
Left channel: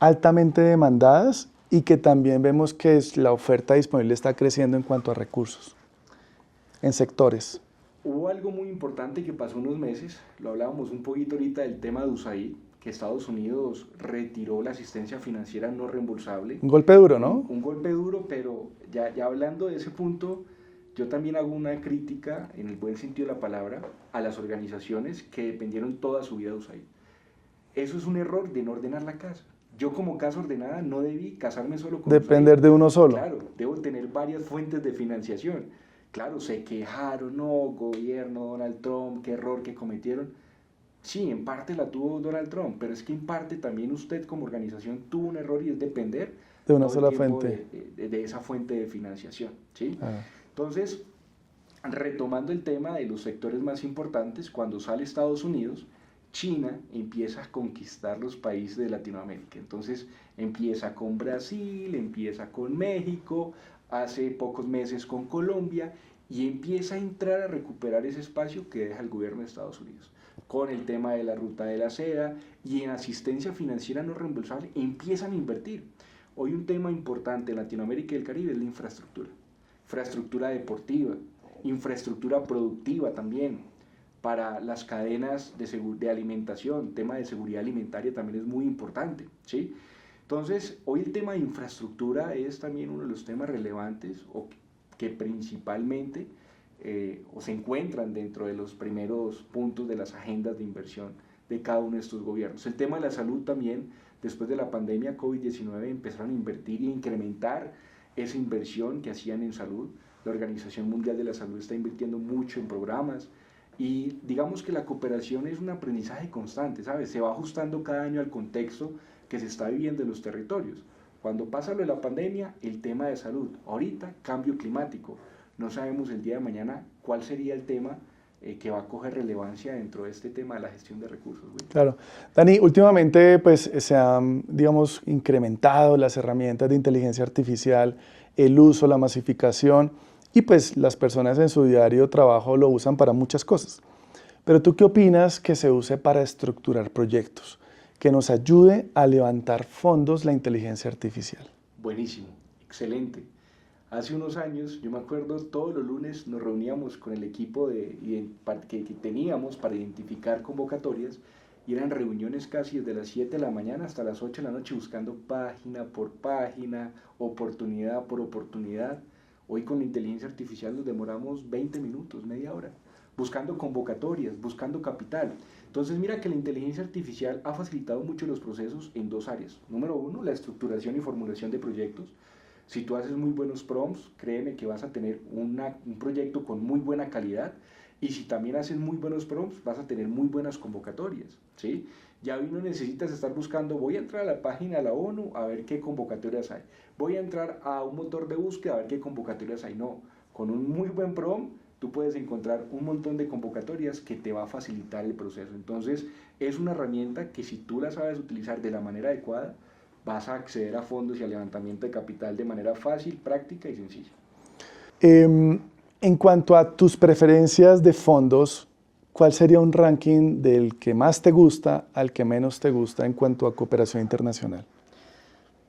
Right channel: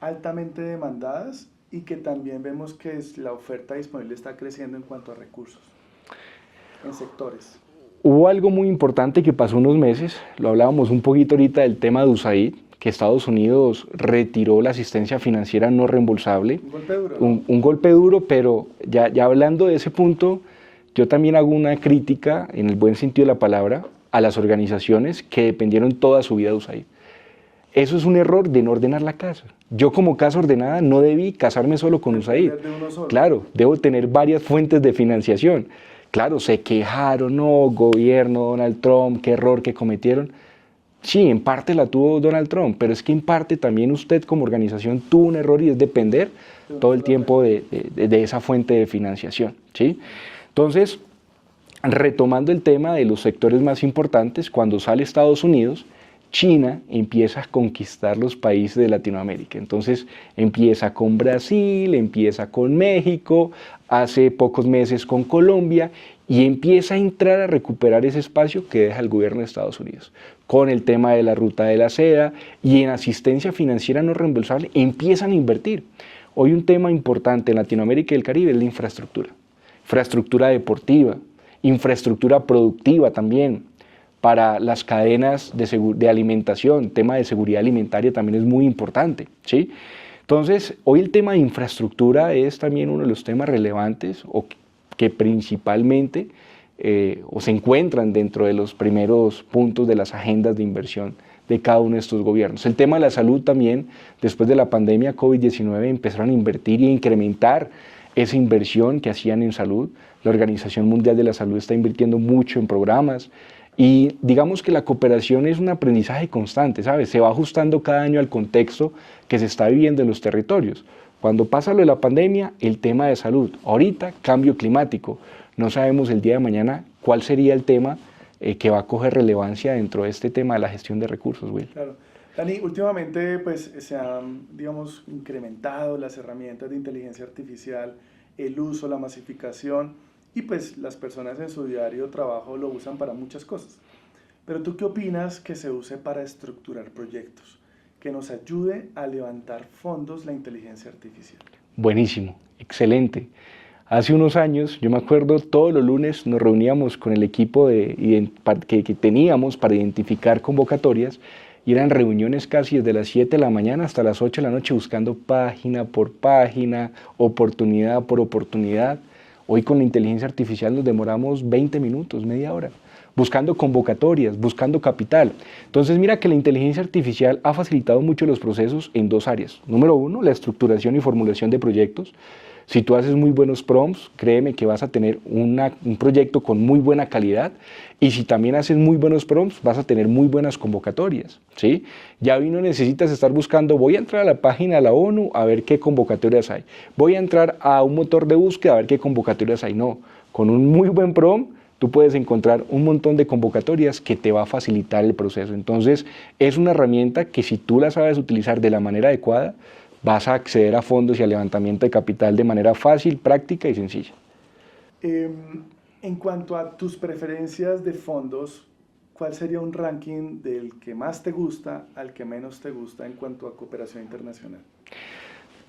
altamente demandadas y que también vemos que la oferta disponible está creciendo en cuanto a recursos, en sectores. Hubo algo muy importante que pasó unos meses, lo hablábamos un poquito ahorita del tema de USAID, que Estados Unidos retiró la asistencia financiera no reembolsable. Un golpe duro, ¿no? Un golpe duro, pero ya hablando de ese punto, yo también hago una crítica, en el buen sentido de la palabra, a las organizaciones que dependieron toda su vida de USAID. Eso es un error de no ordenar la casa. Yo como casa ordenada no debí casarme solo con USAID. Depender de uno solo. Claro, debo tener varias fuentes de financiación. Claro, se quejaron, no, gobierno, Donald Trump, qué error que cometieron. Sí, en parte la tuvo Donald Trump, pero es que en parte también usted como organización tuvo un error y es depender todo el tiempo de esa fuente de financiación, ¿sí? Entonces, retomando el tema de los sectores más importantes, cuando sale Estados Unidos, China empieza a conquistar los países de Latinoamérica. Entonces empieza con Brasil, empieza con México, hace pocos meses con Colombia y empieza a entrar a recuperar ese espacio que deja el gobierno de Estados Unidos. Con el tema de la ruta de la seda y en asistencia financiera no reembolsable empiezan a invertir. Hoy un tema importante en Latinoamérica y el Caribe es la infraestructura. Infraestructura deportiva, infraestructura productiva también, para las cadenas de alimentación, tema de seguridad alimentaria también es muy importante, ¿sí? Entonces, hoy el tema de infraestructura es también uno de los temas relevantes o que principalmente o se encuentran dentro de los primeros puntos de las agendas de inversión de cada uno de estos gobiernos. El tema de la salud también, después de la pandemia COVID-19, empezaron a invertir y a incrementar esa inversión que hacían en salud. La Organización Mundial de la Salud está invirtiendo mucho en programas. Y digamos que la cooperación es un aprendizaje constante, ¿sabes? Se va ajustando cada año al contexto que se está viviendo en los territorios. Cuando pasa lo de la pandemia, el tema de salud. Ahorita, cambio climático. No sabemos el día de mañana cuál sería el tema que va a coger relevancia dentro de este tema de la gestión de recursos, Will. Claro. Dani, últimamente pues, se han, digamos, incrementado las herramientas de inteligencia artificial, el uso, la masificación, y pues las personas en su diario trabajo lo usan para muchas cosas. Pero ¿tú qué opinas que se use para estructurar proyectos? Que nos ayude a levantar fondos la inteligencia artificial. Buenísimo, excelente. Hace unos años, yo me acuerdo, todos los lunes nos reuníamos con el equipo que teníamos para identificar convocatorias y eran reuniones casi desde las 7 de la mañana hasta las 8 de la noche buscando página por página, oportunidad por oportunidad. Hoy con la inteligencia artificial nos demoramos 20 minutos, media hora, buscando convocatorias, buscando capital. Entonces mira que la inteligencia artificial ha facilitado mucho los procesos en dos áreas. Número uno, la estructuración y formulación de proyectos. Si tú haces muy buenos prompts, créeme que vas a tener un proyecto con muy buena calidad, y si también haces muy buenos prompts, vas a tener muy buenas convocatorias, ¿sí? Ya hoy no necesitas estar buscando, voy a entrar a la página de la ONU a ver qué convocatorias hay, voy a entrar a un motor de búsqueda a ver qué convocatorias hay. No, con un muy buen prompt, tú puedes encontrar un montón de convocatorias que te va a facilitar el proceso. Entonces, es una herramienta que si tú la sabes utilizar de la manera adecuada, vas a acceder a fondos y al levantamiento de capital de manera fácil, práctica y sencilla. En cuanto a tus preferencias de fondos, ¿cuál sería un ranking del que más te gusta al que menos te gusta en cuanto a cooperación internacional?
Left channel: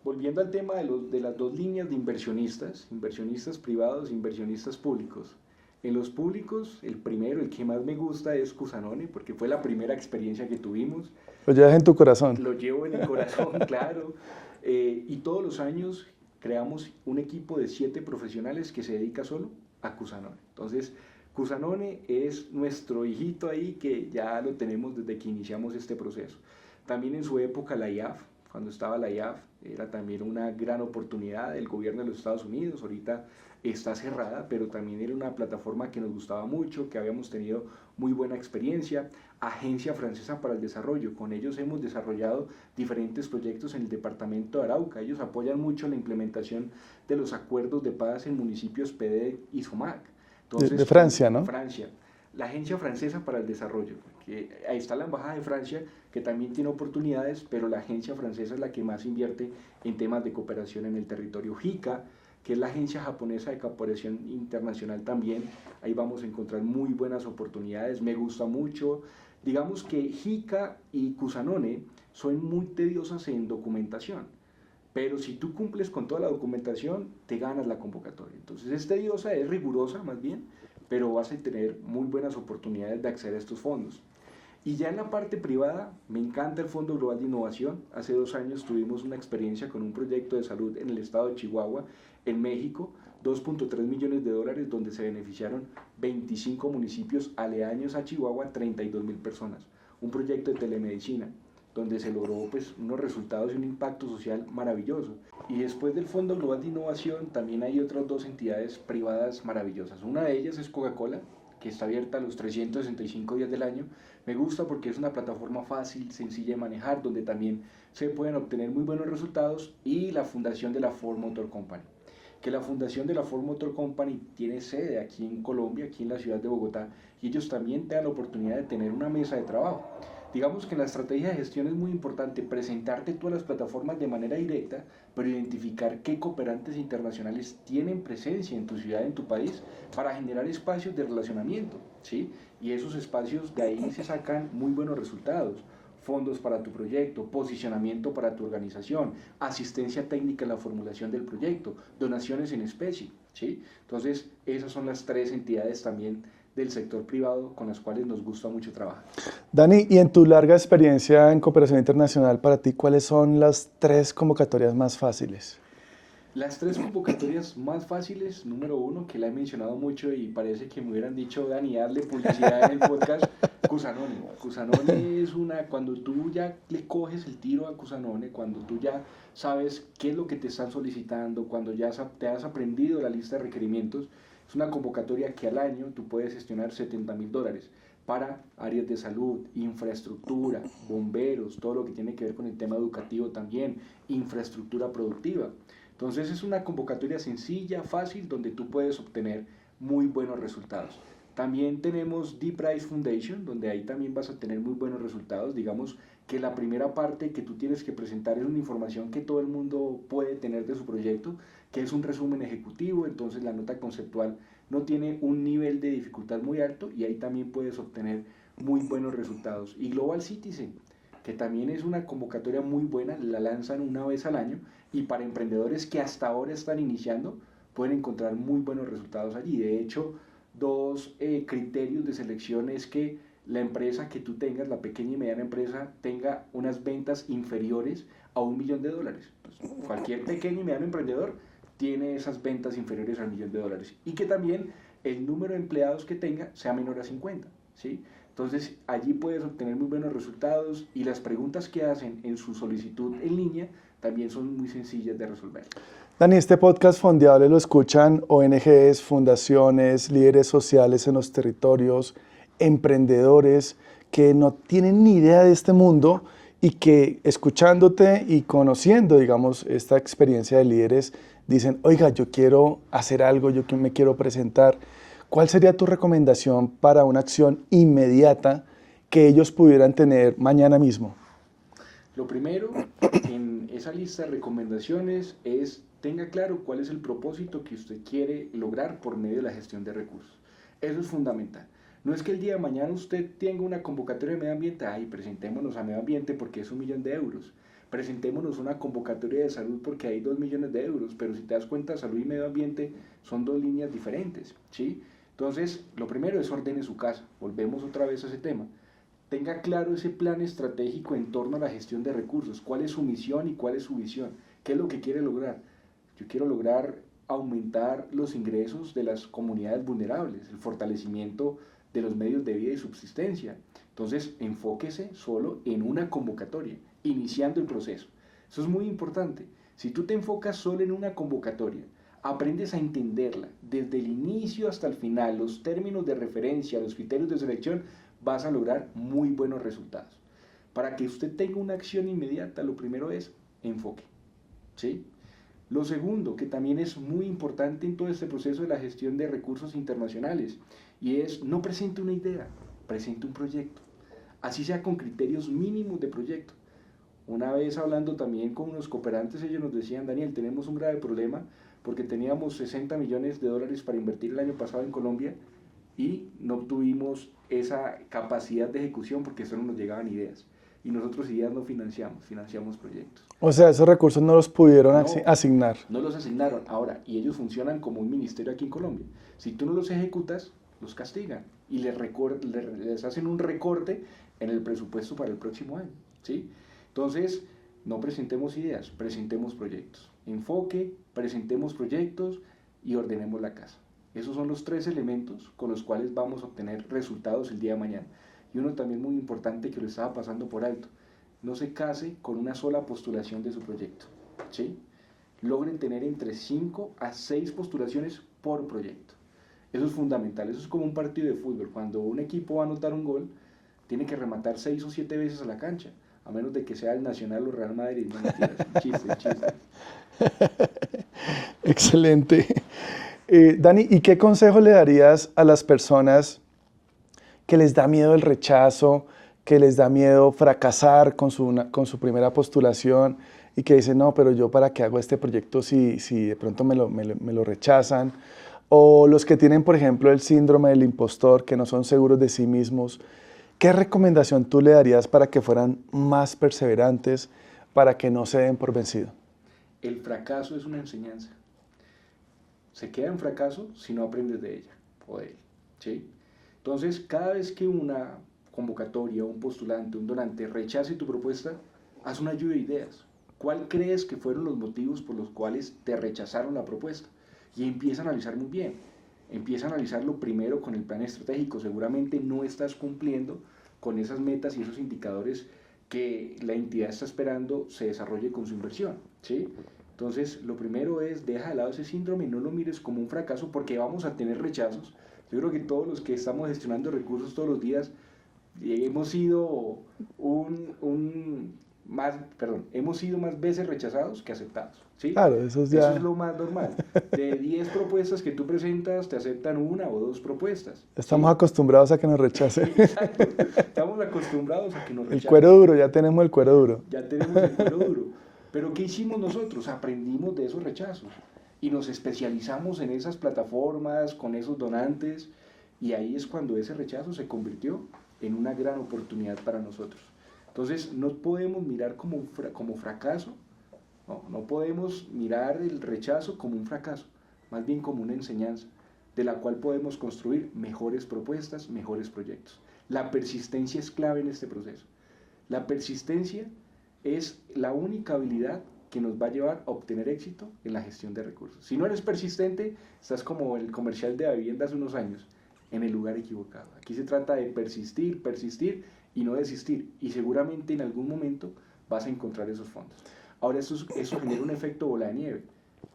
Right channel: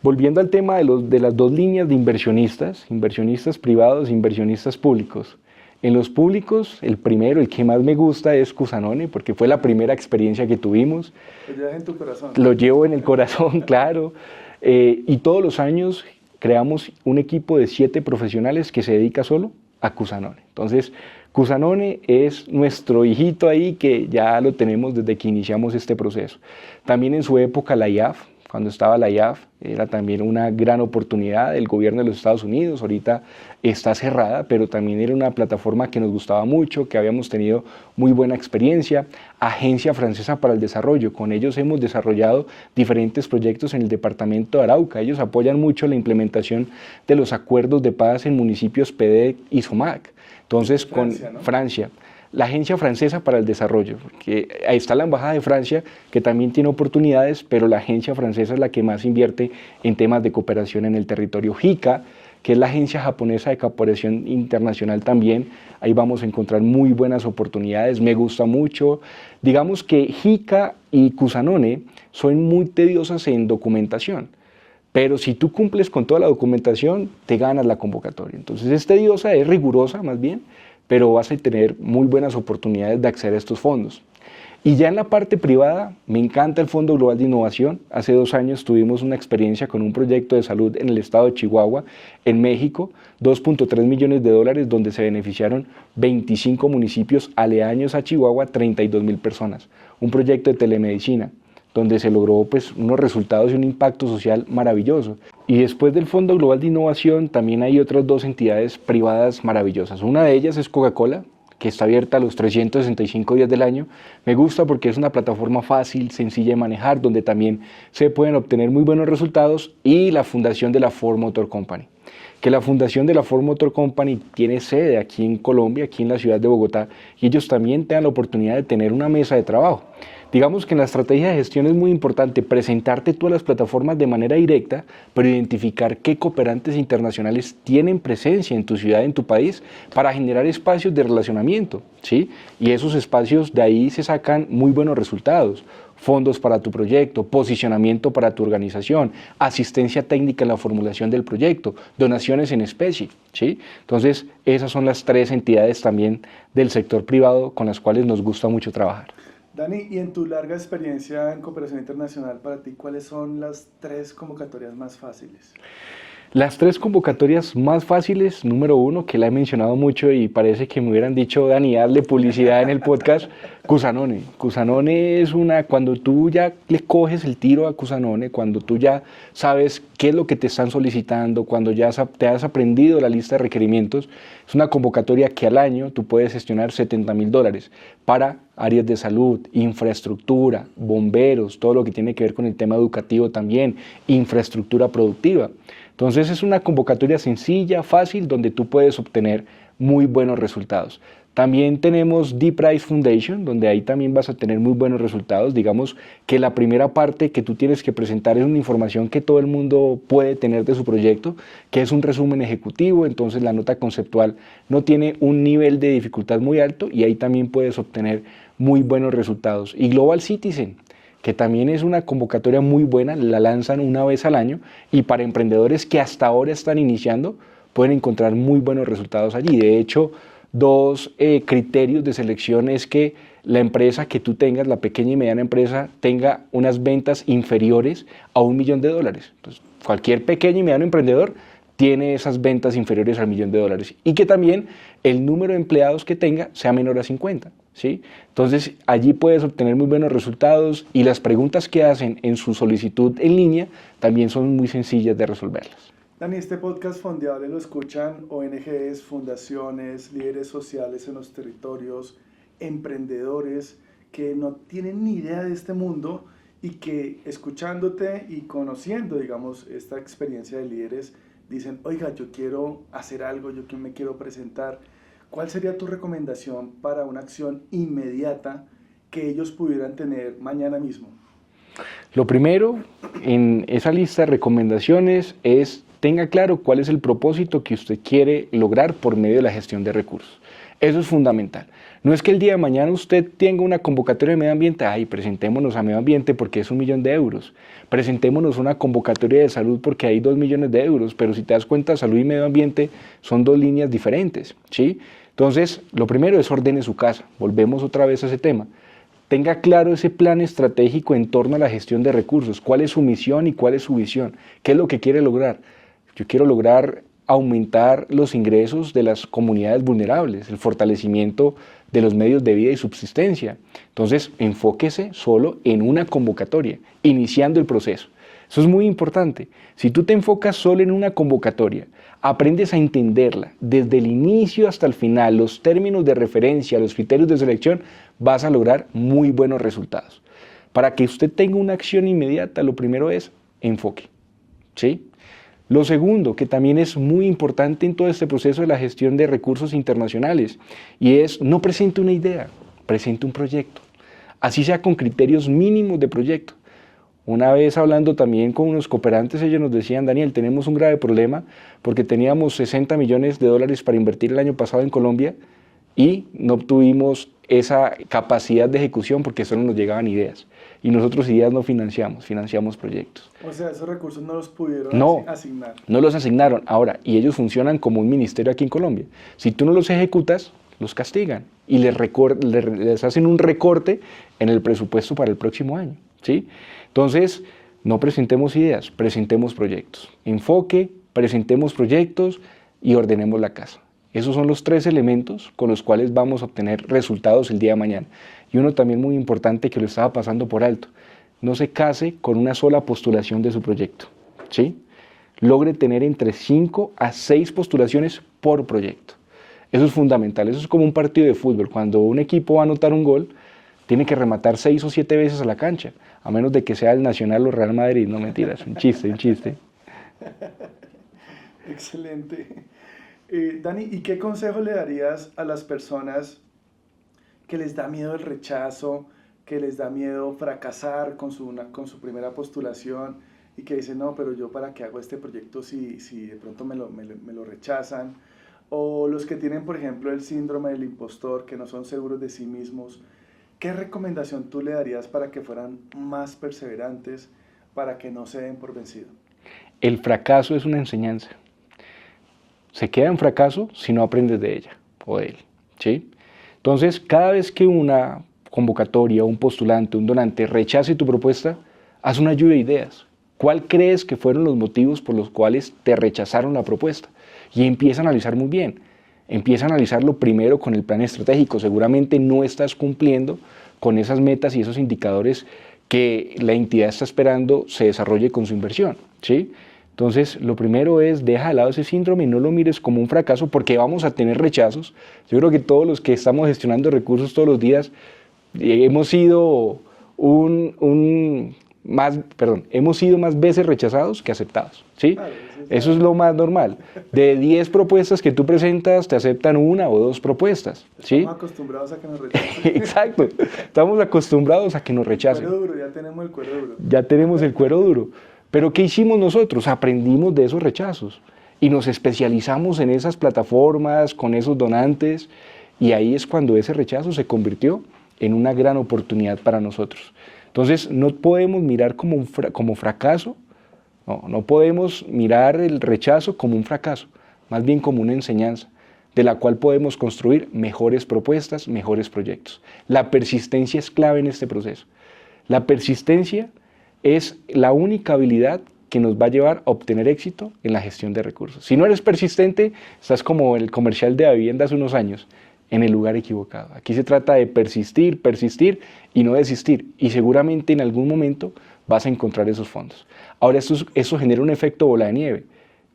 Volviendo al tema de las dos líneas de inversionistas, inversionistas privados e inversionistas públicos. En los públicos, el primero, el que más me gusta es Cusanone, porque fue la primera experiencia que tuvimos. Lo llevas en tu corazón. Lo llevo en el corazón, claro. Y todos los años creamos un equipo de 7 profesionales que se dedica solo a Cusanone. Entonces, Cusanone es nuestro hijito ahí que ya lo tenemos desde que iniciamos este proceso. También en su época la IAF, cuando estaba la IAF, era también una gran oportunidad del gobierno de los Estados Unidos. Ahorita está cerrada, pero también era una plataforma que nos gustaba mucho, que habíamos tenido muy buena experiencia. Agencia Francesa para el Desarrollo, con ellos hemos desarrollado diferentes proyectos en el departamento de Arauca. Ellos apoyan mucho la implementación de los acuerdos de paz en municipios PEDEC y SOMAC. Entonces, de Francia, ¿no? Francia. La Agencia Francesa para el Desarrollo, porque ahí está la Embajada de Francia, que también tiene oportunidades, pero la Agencia Francesa es la que más invierte en temas de cooperación en el territorio. JICA, que es la Agencia Japonesa de Cooperación Internacional también, ahí vamos a encontrar muy buenas oportunidades, me gusta mucho. Digamos que JICA y Cusanone son muy tediosas en documentación, pero si tú cumples con toda la documentación, te ganas la convocatoria. Entonces es tediosa, es rigurosa más bien, pero vas a tener muy buenas oportunidades de acceder a estos fondos. Y ya en la parte privada, me encanta el Fondo Global de Innovación. Hace 2 años tuvimos una experiencia con un proyecto de salud en el estado de Chihuahua, en México, $2.3 millones, donde se beneficiaron 25 municipios aledaños a Chihuahua, 32,000 personas. Un proyecto de telemedicina, donde se logró pues, unos resultados y un impacto social maravilloso. Y después del Fondo Global de Innovación también hay otras 2 entidades privadas maravillosas. Una de ellas es Coca-Cola, que está abierta a los 365 días del año. Me gusta porque es una plataforma fácil, sencilla de manejar, donde también se pueden obtener muy buenos resultados. Y la fundación de la Ford Motor Company, que la fundación de la Ford Motor Company tiene sede aquí en Colombia, aquí en la ciudad de Bogotá, y ellos también te dan la oportunidad de tener una mesa de trabajo. Digamos que en la estrategia de gestión es muy importante presentarte tú a las plataformas de manera directa, pero identificar qué cooperantes internacionales tienen presencia en tu ciudad, en tu país, para generar espacios de relacionamiento, ¿sí? Y esos espacios de ahí se sacan muy buenos resultados. Fondos para tu proyecto, posicionamiento para tu organización, asistencia técnica en la formulación del proyecto, donaciones en especie, ¿sí? Entonces, esas son las 3 entidades también del sector privado con las cuales nos gusta mucho trabajar. Dani, y en tu larga experiencia en cooperación internacional, para ti, ¿cuáles son las 3 convocatorias más fáciles? Las 3 convocatorias más fáciles, número 1, que la he mencionado mucho y parece que me hubieran dicho, Dani, hazle publicidad en el podcast, Cusanone. Cusanone es cuando tú ya le coges el tiro a Cusanone, cuando tú ya sabes qué es lo que te están solicitando, cuando ya te has aprendido la lista de requerimientos, es una convocatoria que al año tú puedes gestionar $70,000 para áreas de salud, infraestructura, bomberos, todo lo que tiene que ver con el tema educativo también, infraestructura productiva. Entonces es una convocatoria sencilla, fácil, donde tú puedes obtener muy buenos resultados. También tenemos Deep Price Foundation, donde ahí también vas a tener muy buenos resultados. Digamos que la primera parte que tú tienes que presentar es una información que todo el mundo puede tener de su proyecto, que es un resumen ejecutivo, entonces la nota conceptual no tiene un nivel de dificultad muy alto y ahí también puedes obtener muy buenos resultados. Y Global Citizen, que también es una convocatoria muy buena, la lanzan una vez al año y para emprendedores que hasta ahora están iniciando pueden encontrar muy buenos resultados allí. De hecho, dos criterios de selección es que la empresa que tú tengas, la pequeña y mediana empresa, tenga unas ventas inferiores a $1.000.000. Entonces, cualquier pequeño y mediano emprendedor tiene esas ventas inferiores al $1.000.000 y que también el número de empleados que tenga sea menor a 50, ¿sí? Entonces, allí puedes obtener muy buenos resultados y las preguntas que hacen en su solicitud en línea también son muy sencillas de resolverlas. Dani, este podcast Fondeable lo escuchan ONGs, fundaciones, líderes sociales en los territorios, emprendedores que no tienen ni idea de este mundo y que escuchándote y conociendo, digamos, esta experiencia de líderes, dicen, oiga, yo quiero hacer algo, yo me quiero presentar. ¿Cuál sería tu recomendación para una acción inmediata que ellos pudieran tener mañana mismo? Lo primero en esa lista de recomendaciones es tenga claro cuál es el propósito que usted quiere lograr por medio de la gestión de recursos. Eso es fundamental. No es que el día de mañana usted tenga una convocatoria de medio ambiente, ay, presentémonos a medio ambiente porque es $1.000.000. Presentémonos una convocatoria de salud porque hay $2.000.000, pero si te das cuenta, salud y medio ambiente son dos líneas diferentes, ¿sí? Entonces, lo primero es ordene su casa. Volvemos otra vez a ese tema. Tenga claro ese plan estratégico en torno a la gestión de recursos. ¿Cuál es su misión y cuál es su visión? ¿Qué es lo que quiere lograr? Yo quiero lograr aumentar los ingresos de las comunidades vulnerables, el fortalecimiento de los medios de vida y subsistencia. Entonces, enfóquese solo en una convocatoria, iniciando el proceso. Eso es muy importante. Si tú te enfocas solo en una convocatoria, aprendes a entenderla desde el inicio hasta el final, los términos de referencia, los criterios de selección, vas a lograr muy buenos resultados. Para que usted tenga una acción inmediata, lo primero es enfoque, ¿sí? Lo segundo, que también es muy importante en todo este proceso de la gestión de recursos internacionales, y es no presente una idea, presente un proyecto, así sea con criterios mínimos de proyecto. Una vez hablando también con unos cooperantes, ellos nos decían, Daniel, tenemos un grave problema porque teníamos $60 millones para invertir el año pasado en Colombia y no obtuvimos esa capacidad de ejecución porque solo nos llegaban ideas. Y nosotros ideas no financiamos, financiamos proyectos. O sea, esos recursos no los pudieron asignar. No los asignaron. Ahora, y ellos funcionan como un ministerio aquí en Colombia. Si tú no los ejecutas, los castigan y les hacen un recorte en el presupuesto para el próximo año, ¿sí? Entonces, no presentemos ideas, presentemos proyectos. Enfoque, presentemos proyectos y ordenemos la casa. Esos son los 3 elementos con los cuales vamos a obtener resultados el día de mañana. Y uno también muy importante que lo estaba pasando por alto, no se case con una sola postulación de su proyecto, ¿sí? Logre tener entre 5 a 6 postulaciones por proyecto. Eso es fundamental, eso es como un partido de fútbol. Cuando un equipo va a anotar un gol, tiene que rematar 6 o 7 veces a la cancha, a menos de que sea el Nacional o Real Madrid, no mentiras, un chiste, un chiste. Excelente. Dani, ¿y qué consejo le darías a las personas que les da miedo el rechazo, que les da miedo fracasar con su primera postulación y que dicen, no, pero yo para qué hago este proyecto si de pronto me lo rechazan? O los que tienen, por ejemplo, el síndrome del impostor, que no son seguros de sí mismos. ¿Qué recomendación tú le darías para que fueran más perseverantes, para que no se den por vencido? El fracaso es una enseñanza. Se queda en fracaso si no aprendes de ella o de él, ¿sí? Entonces, cada vez que una convocatoria, un postulante, un donante rechace tu propuesta, haz una lluvia de ideas. ¿Cuál crees que fueron los motivos por los cuales te rechazaron la propuesta? Y empieza a analizar muy bien. Empieza a analizarlo primero con el plan estratégico. Seguramente no estás cumpliendo con esas metas y esos indicadores que la entidad está esperando se desarrolle con su inversión, ¿sí? Entonces, lo primero es deja de lado ese síndrome y no lo mires como un fracaso porque vamos a tener rechazos. Yo creo que todos los que estamos gestionando recursos todos los días hemos sido un hemos sido más veces rechazados que aceptados, ¿sí? Claro, Eso es lo más normal. De 10 propuestas que tú presentas, te aceptan 1 o 2 propuestas. Estamos ¿sí? acostumbrados a que nos rechacen. Exacto. Estamos acostumbrados a que nos rechacen. El cuero duro, ya tenemos el cuero duro. Ya tenemos el cuero duro. Pero ¿qué hicimos nosotros? Aprendimos de esos rechazos y nos especializamos en esas plataformas, con esos donantes, y ahí es cuando ese rechazo se convirtió en una gran oportunidad para nosotros. Entonces, no podemos mirar como fracaso, no podemos mirar el rechazo como un fracaso, más bien como una enseñanza, de la cual podemos construir mejores propuestas, mejores proyectos. La persistencia es clave en este proceso. La persistencia es la única habilidad que nos va a llevar a obtener éxito en la gestión de recursos. Si no eres persistente, estás como el comercial de Davivienda hace unos años, en el lugar equivocado. Aquí se trata de persistir, persistir y no desistir. Y seguramente en algún momento vas a encontrar esos fondos. Ahora, eso genera un efecto bola de nieve.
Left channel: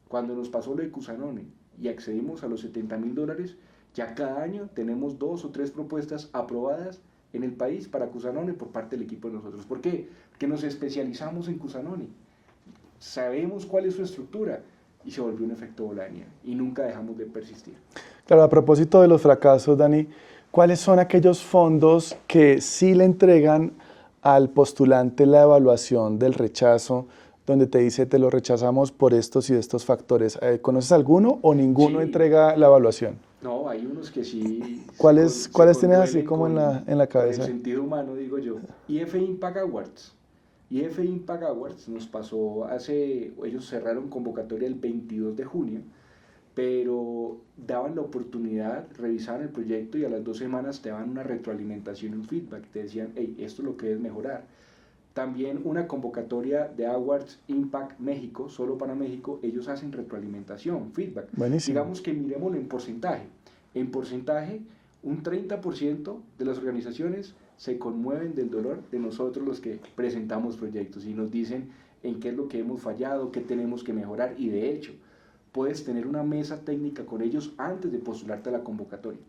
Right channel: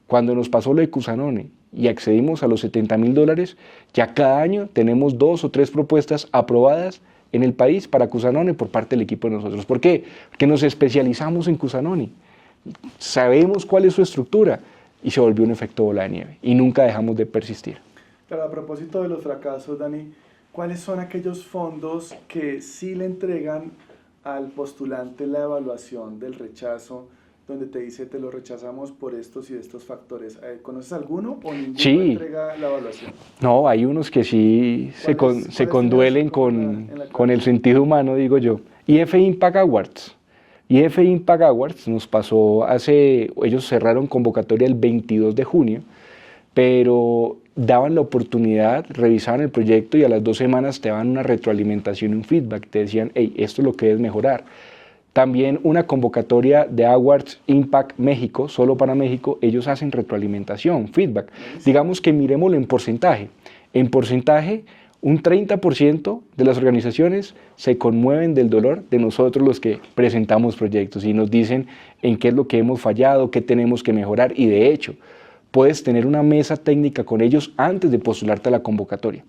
Cuando nos pasó lo de Cusanone y accedimos a los $70.000, ya cada año tenemos 2 o 3 propuestas aprobadas en el país para Cusanone por parte del equipo de nosotros. ¿Por qué? Porque nos especializamos en Cusanone. Sabemos cuál es su estructura y se volvió un efecto bola de nieve y nunca dejamos de persistir. Claro, a propósito de los fracasos, Dani, ¿cuáles son aquellos fondos que sí le entregan al postulante la evaluación del rechazo, donde te dice te lo rechazamos por estos y estos factores? ¿Conoces alguno o ninguno entrega la evaluación? No, hay unos que sí se conduelen con el sentido humano, digo yo. IF Impact Awards. IF Impact Awards nos pasó ellos cerraron convocatoria el 22 de junio, pero daban la oportunidad, revisaban el proyecto y a las 2 semanas te daban una retroalimentación y un feedback. Te decían, hey, esto es lo que debes mejorar. También una convocatoria de Awards Impact México, solo para México, ellos hacen retroalimentación, feedback. Buenísimo. Digamos que miremoslo en porcentaje. En porcentaje, un 30% de las organizaciones se conmueven del dolor de nosotros los que presentamos proyectos y nos dicen en qué es lo que hemos fallado, qué tenemos que mejorar y de hecho, puedes tener una mesa técnica con ellos antes de postularte a la convocatoria.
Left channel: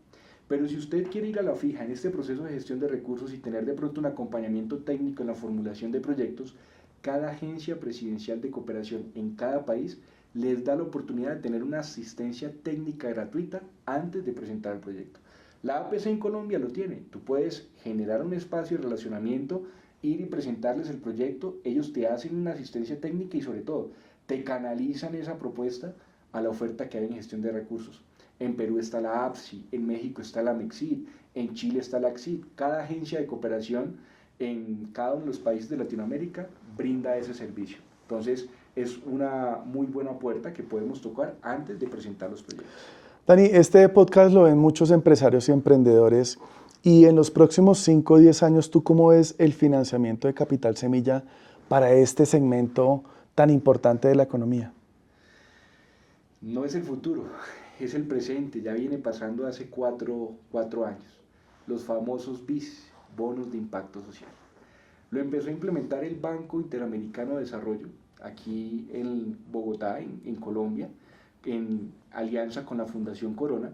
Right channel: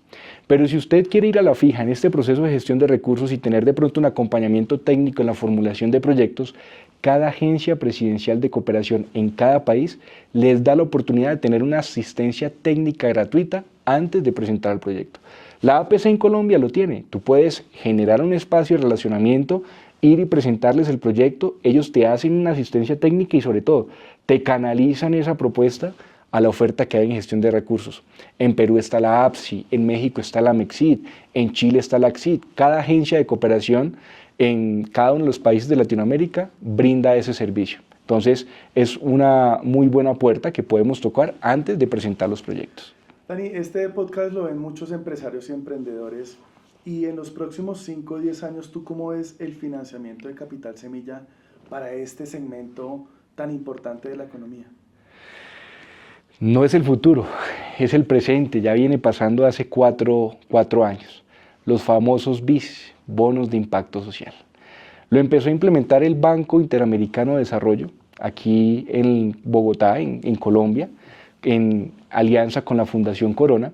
Pero si usted quiere ir a la fija en este proceso de gestión de recursos y tener de pronto un acompañamiento técnico en la formulación de proyectos, cada agencia presidencial de cooperación en cada país les da la oportunidad de tener una asistencia técnica gratuita antes de presentar el proyecto. La APC en Colombia lo tiene. Tú puedes generar un espacio de relacionamiento, ir y presentarles el proyecto, ellos te hacen una asistencia técnica y sobre todo te canalizan esa propuesta a la oferta que hay en gestión de recursos. En Perú está la APSI, en México está la MEXID, en Chile está la ACCID. Cada agencia de cooperación en cada uno de los países de Latinoamérica brinda ese servicio. Entonces, es una muy buena puerta que podemos tocar antes de presentar los proyectos. Dani, este podcast lo ven muchos empresarios y emprendedores y en los próximos 5 o 10 años, ¿tú cómo ves el financiamiento de Capital Semilla para este segmento tan importante de la economía? No es el futuro, es el presente, ya viene pasando hace 4 años. Los famosos BIS, bonos de impacto social. Lo empezó a implementar el Banco Interamericano de Desarrollo, aquí en Bogotá, en Colombia, en alianza con la Fundación Corona,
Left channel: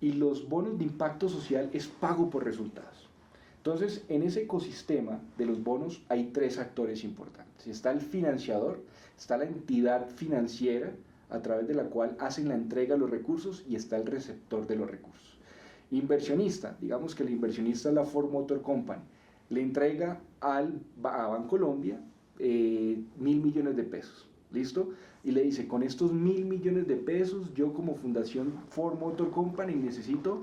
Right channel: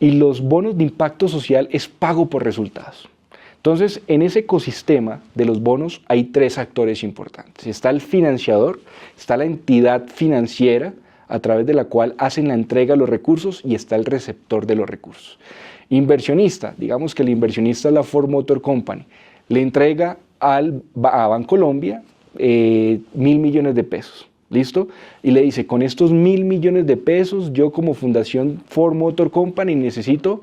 y los bonos de impacto social es pago por resultados. Entonces, en ese ecosistema de los bonos hay 3 actores importantes. Está el financiador, está la entidad financiera, a través de la cual hacen la entrega de los recursos y está el receptor de los recursos. Inversionista, digamos que el inversionista es la Ford Motor Company, le entrega a Bancolombia 1.000 millones de pesos, ¿listo? Y le dice, con estos 1.000 millones de pesos, yo como Fundación Ford Motor Company necesito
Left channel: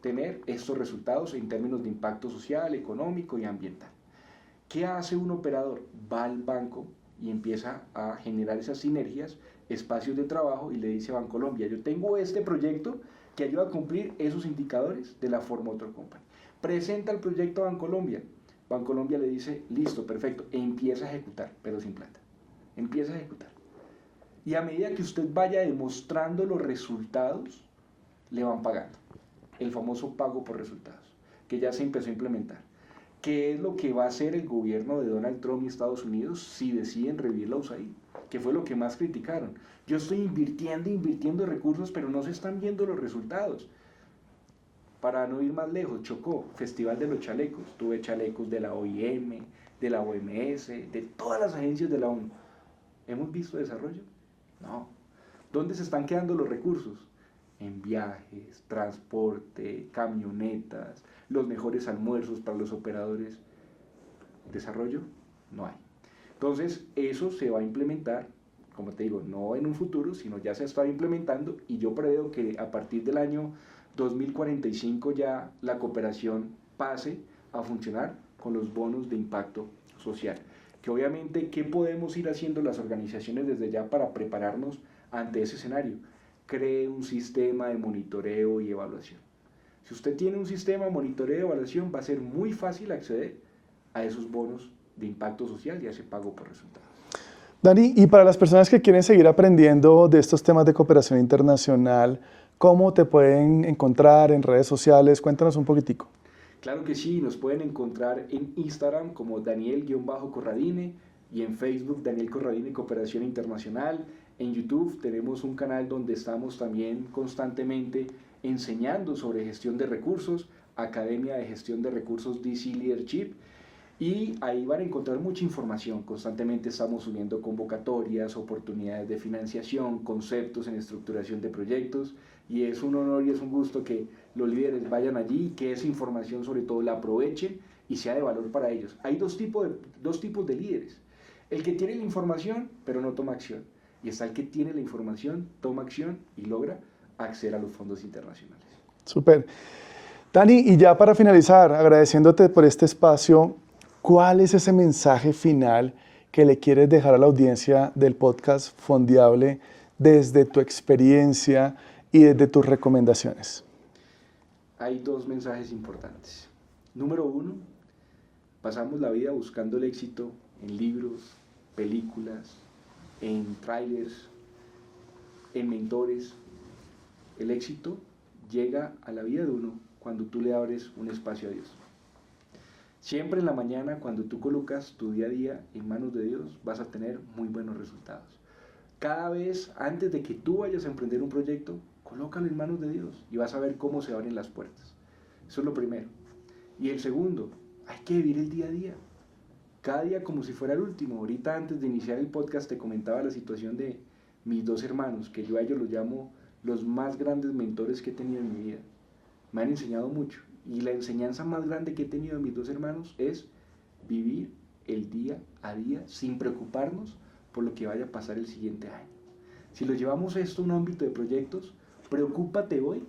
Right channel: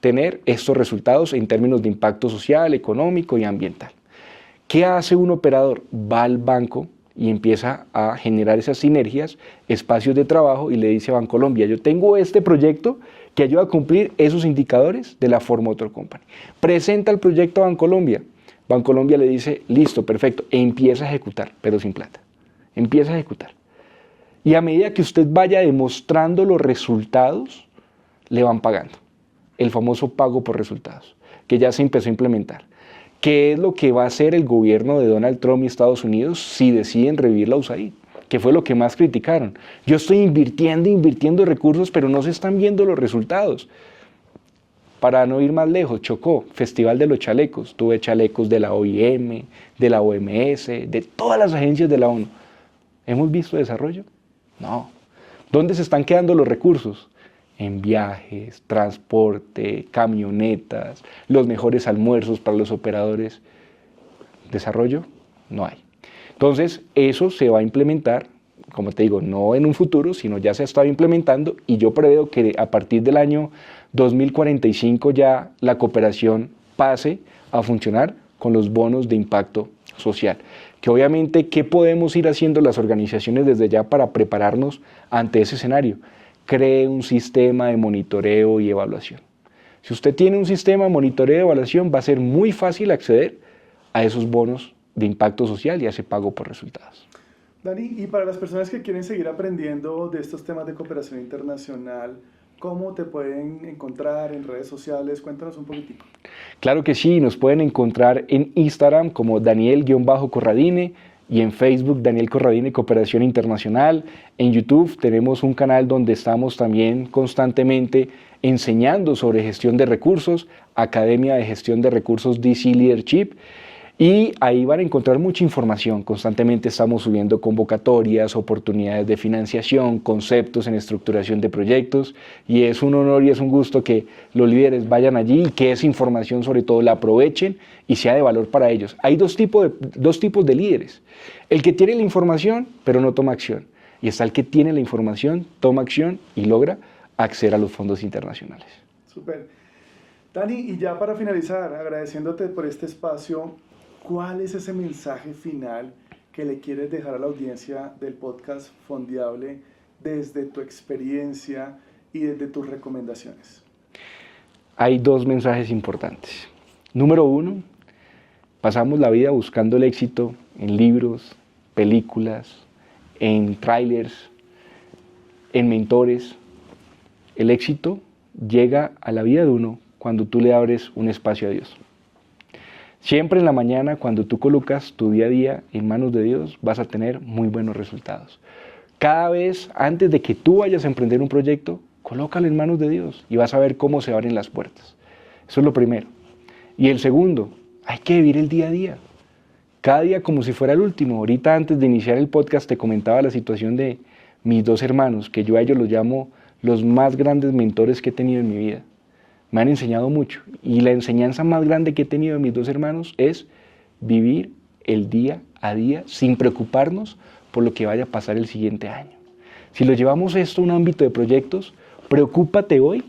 tener estos resultados en términos de impacto social, económico y ambiental. ¿Qué hace un operador? Va al banco y empieza a generar esas sinergias, espacios de trabajo y le dice a Bancolombia, yo tengo este proyecto que ayuda a cumplir esos indicadores de la Ford Motor Company. Presenta el proyecto a Bancolombia. Bancolombia le dice, listo, perfecto, e empieza a ejecutar, pero sin plata. Empieza a ejecutar. Y a medida que usted vaya demostrando los resultados, le van pagando. El famoso pago por resultados, que ya se empezó a implementar. ¿Qué es lo que va a hacer el gobierno de Donald Trump y Estados Unidos si deciden revivir la USAID? Que fue lo que más criticaron. Yo estoy invirtiendo recursos, pero no se están viendo los resultados. Para no ir más lejos, Chocó, Festival de los Chalecos. Tuve chalecos de la OIM, de la OMS, de todas las agencias de la ONU. ¿Hemos visto desarrollo? No. ¿Dónde se están quedando los recursos? En viajes, transporte, camionetas, los mejores almuerzos para los operadores. ¿Desarrollo? No hay. Entonces, eso se va a implementar, como te digo, no en un futuro, sino ya se ha estado implementando, y yo preveo que a partir del año 2045 ya la cooperación pase a funcionar con los bonos de impacto social. Que obviamente, ¿qué podemos ir haciendo las organizaciones desde ya para prepararnos ante ese escenario? Cree un sistema de monitoreo y evaluación. Si usted tiene un sistema de monitoreo y evaluación, va a ser muy fácil acceder a esos bonos de impacto social y a ese pago por resultados. Dani, y para las personas que quieren seguir aprendiendo de estos temas de cooperación internacional, ¿cómo te pueden encontrar en redes sociales? Cuéntanos un poquitico. Claro que sí, nos pueden encontrar en Instagram como Daniel-Corradine y en Facebook Daniel Corradine Cooperación Internacional. En YouTube tenemos un canal donde estamos también constantemente enseñando sobre gestión de recursos, Academia de Gestión de Recursos DC Leadership. Y ahí van a encontrar mucha información. Constantemente estamos subiendo convocatorias, oportunidades de financiación, conceptos en estructuración de proyectos. Y es un honor y es un gusto que los líderes vayan allí y que esa información sobre todo la aprovechen y sea de valor para ellos. Hay dos tipos de líderes. El que tiene la información pero no toma acción. Y está el que tiene la información, toma acción y logra acceder a los fondos internacionales. Súper. Dani, y ya para finalizar, agradeciéndote por este espacio, ¿cuál es ese mensaje final que le quieres dejar a la audiencia del podcast Fondiable desde tu experiencia y desde tus recomendaciones? Hay dos mensajes importantes. Número uno, pasamos la vida buscando el éxito en libros, películas, en trailers, en mentores. El éxito llega a la vida de uno cuando tú le abres un espacio a Dios. Siempre en la mañana, cuando tú colocas tu día a día en manos de Dios, vas a tener muy buenos resultados. Cada vez, antes de que tú vayas a emprender un proyecto, colócalo en manos de Dios y vas a ver cómo se abren las puertas. Eso es lo primero. Y el segundo, hay que vivir el día a día. Cada día como si fuera el último. Ahorita, antes de iniciar el podcast, te comentaba la situación de mis dos hermanos, que yo a ellos los llamo los más grandes mentores que he tenido en mi vida. Me han enseñado mucho y la enseñanza más grande que he tenido de mis dos hermanos es vivir el día a día sin preocuparnos por lo que vaya a pasar el siguiente año. Si lo llevamos esto a un ámbito de proyectos, preocúpate hoy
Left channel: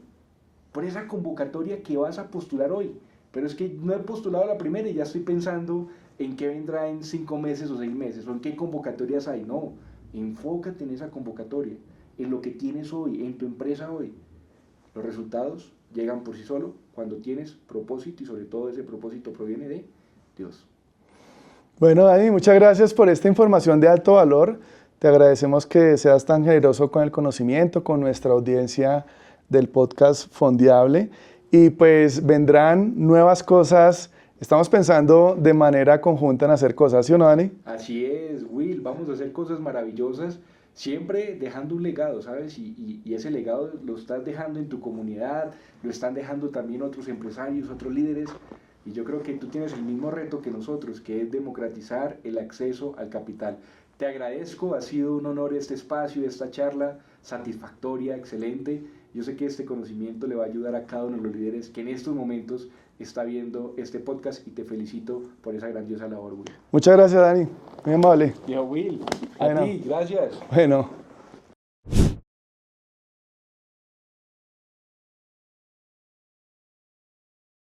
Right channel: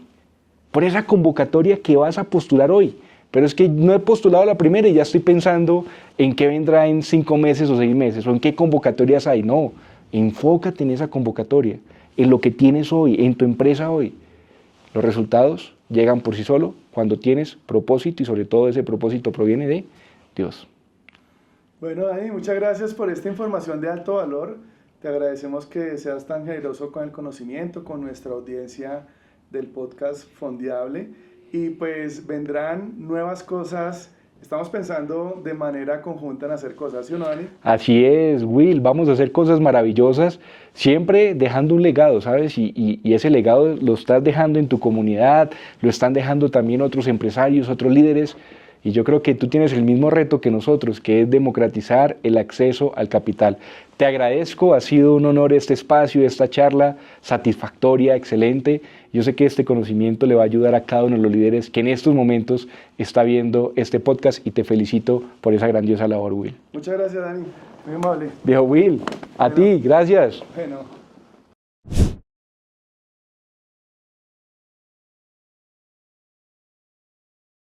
por esa convocatoria que vas a postular hoy. Pero es que no he postulado la primera y ya estoy pensando en qué vendrá en 5 meses o 6 meses o en qué convocatorias hay. No, enfócate en esa convocatoria, en lo que tienes hoy, en tu empresa hoy. Los resultados llegan por sí solo cuando tienes propósito y sobre todo ese propósito proviene de Dios. Bueno, Dani, muchas gracias por esta información de alto valor. Te agradecemos que seas tan generoso con el conocimiento, con nuestra audiencia del podcast Fondiable. Y pues vendrán nuevas cosas. Estamos pensando de manera conjunta en hacer cosas, ¿sí o no, Dani? Así es, Will. Vamos a hacer cosas maravillosas, siempre dejando un legado, ¿sabes? Y ese legado lo estás dejando en tu comunidad, lo están dejando también otros empresarios, otros líderes. Y yo creo que tú tienes el mismo reto que nosotros, que es democratizar el acceso al capital. Te agradezco, ha sido un honor este espacio, esta charla satisfactoria, excelente. Yo sé que este conocimiento le va a ayudar a cada uno de los líderes que en estos momentos está viendo este podcast y te felicito por esa grandiosa labor, Will. Muchas gracias, Dani. Muy amable. Viejo Will, a ti, gracias. Bueno.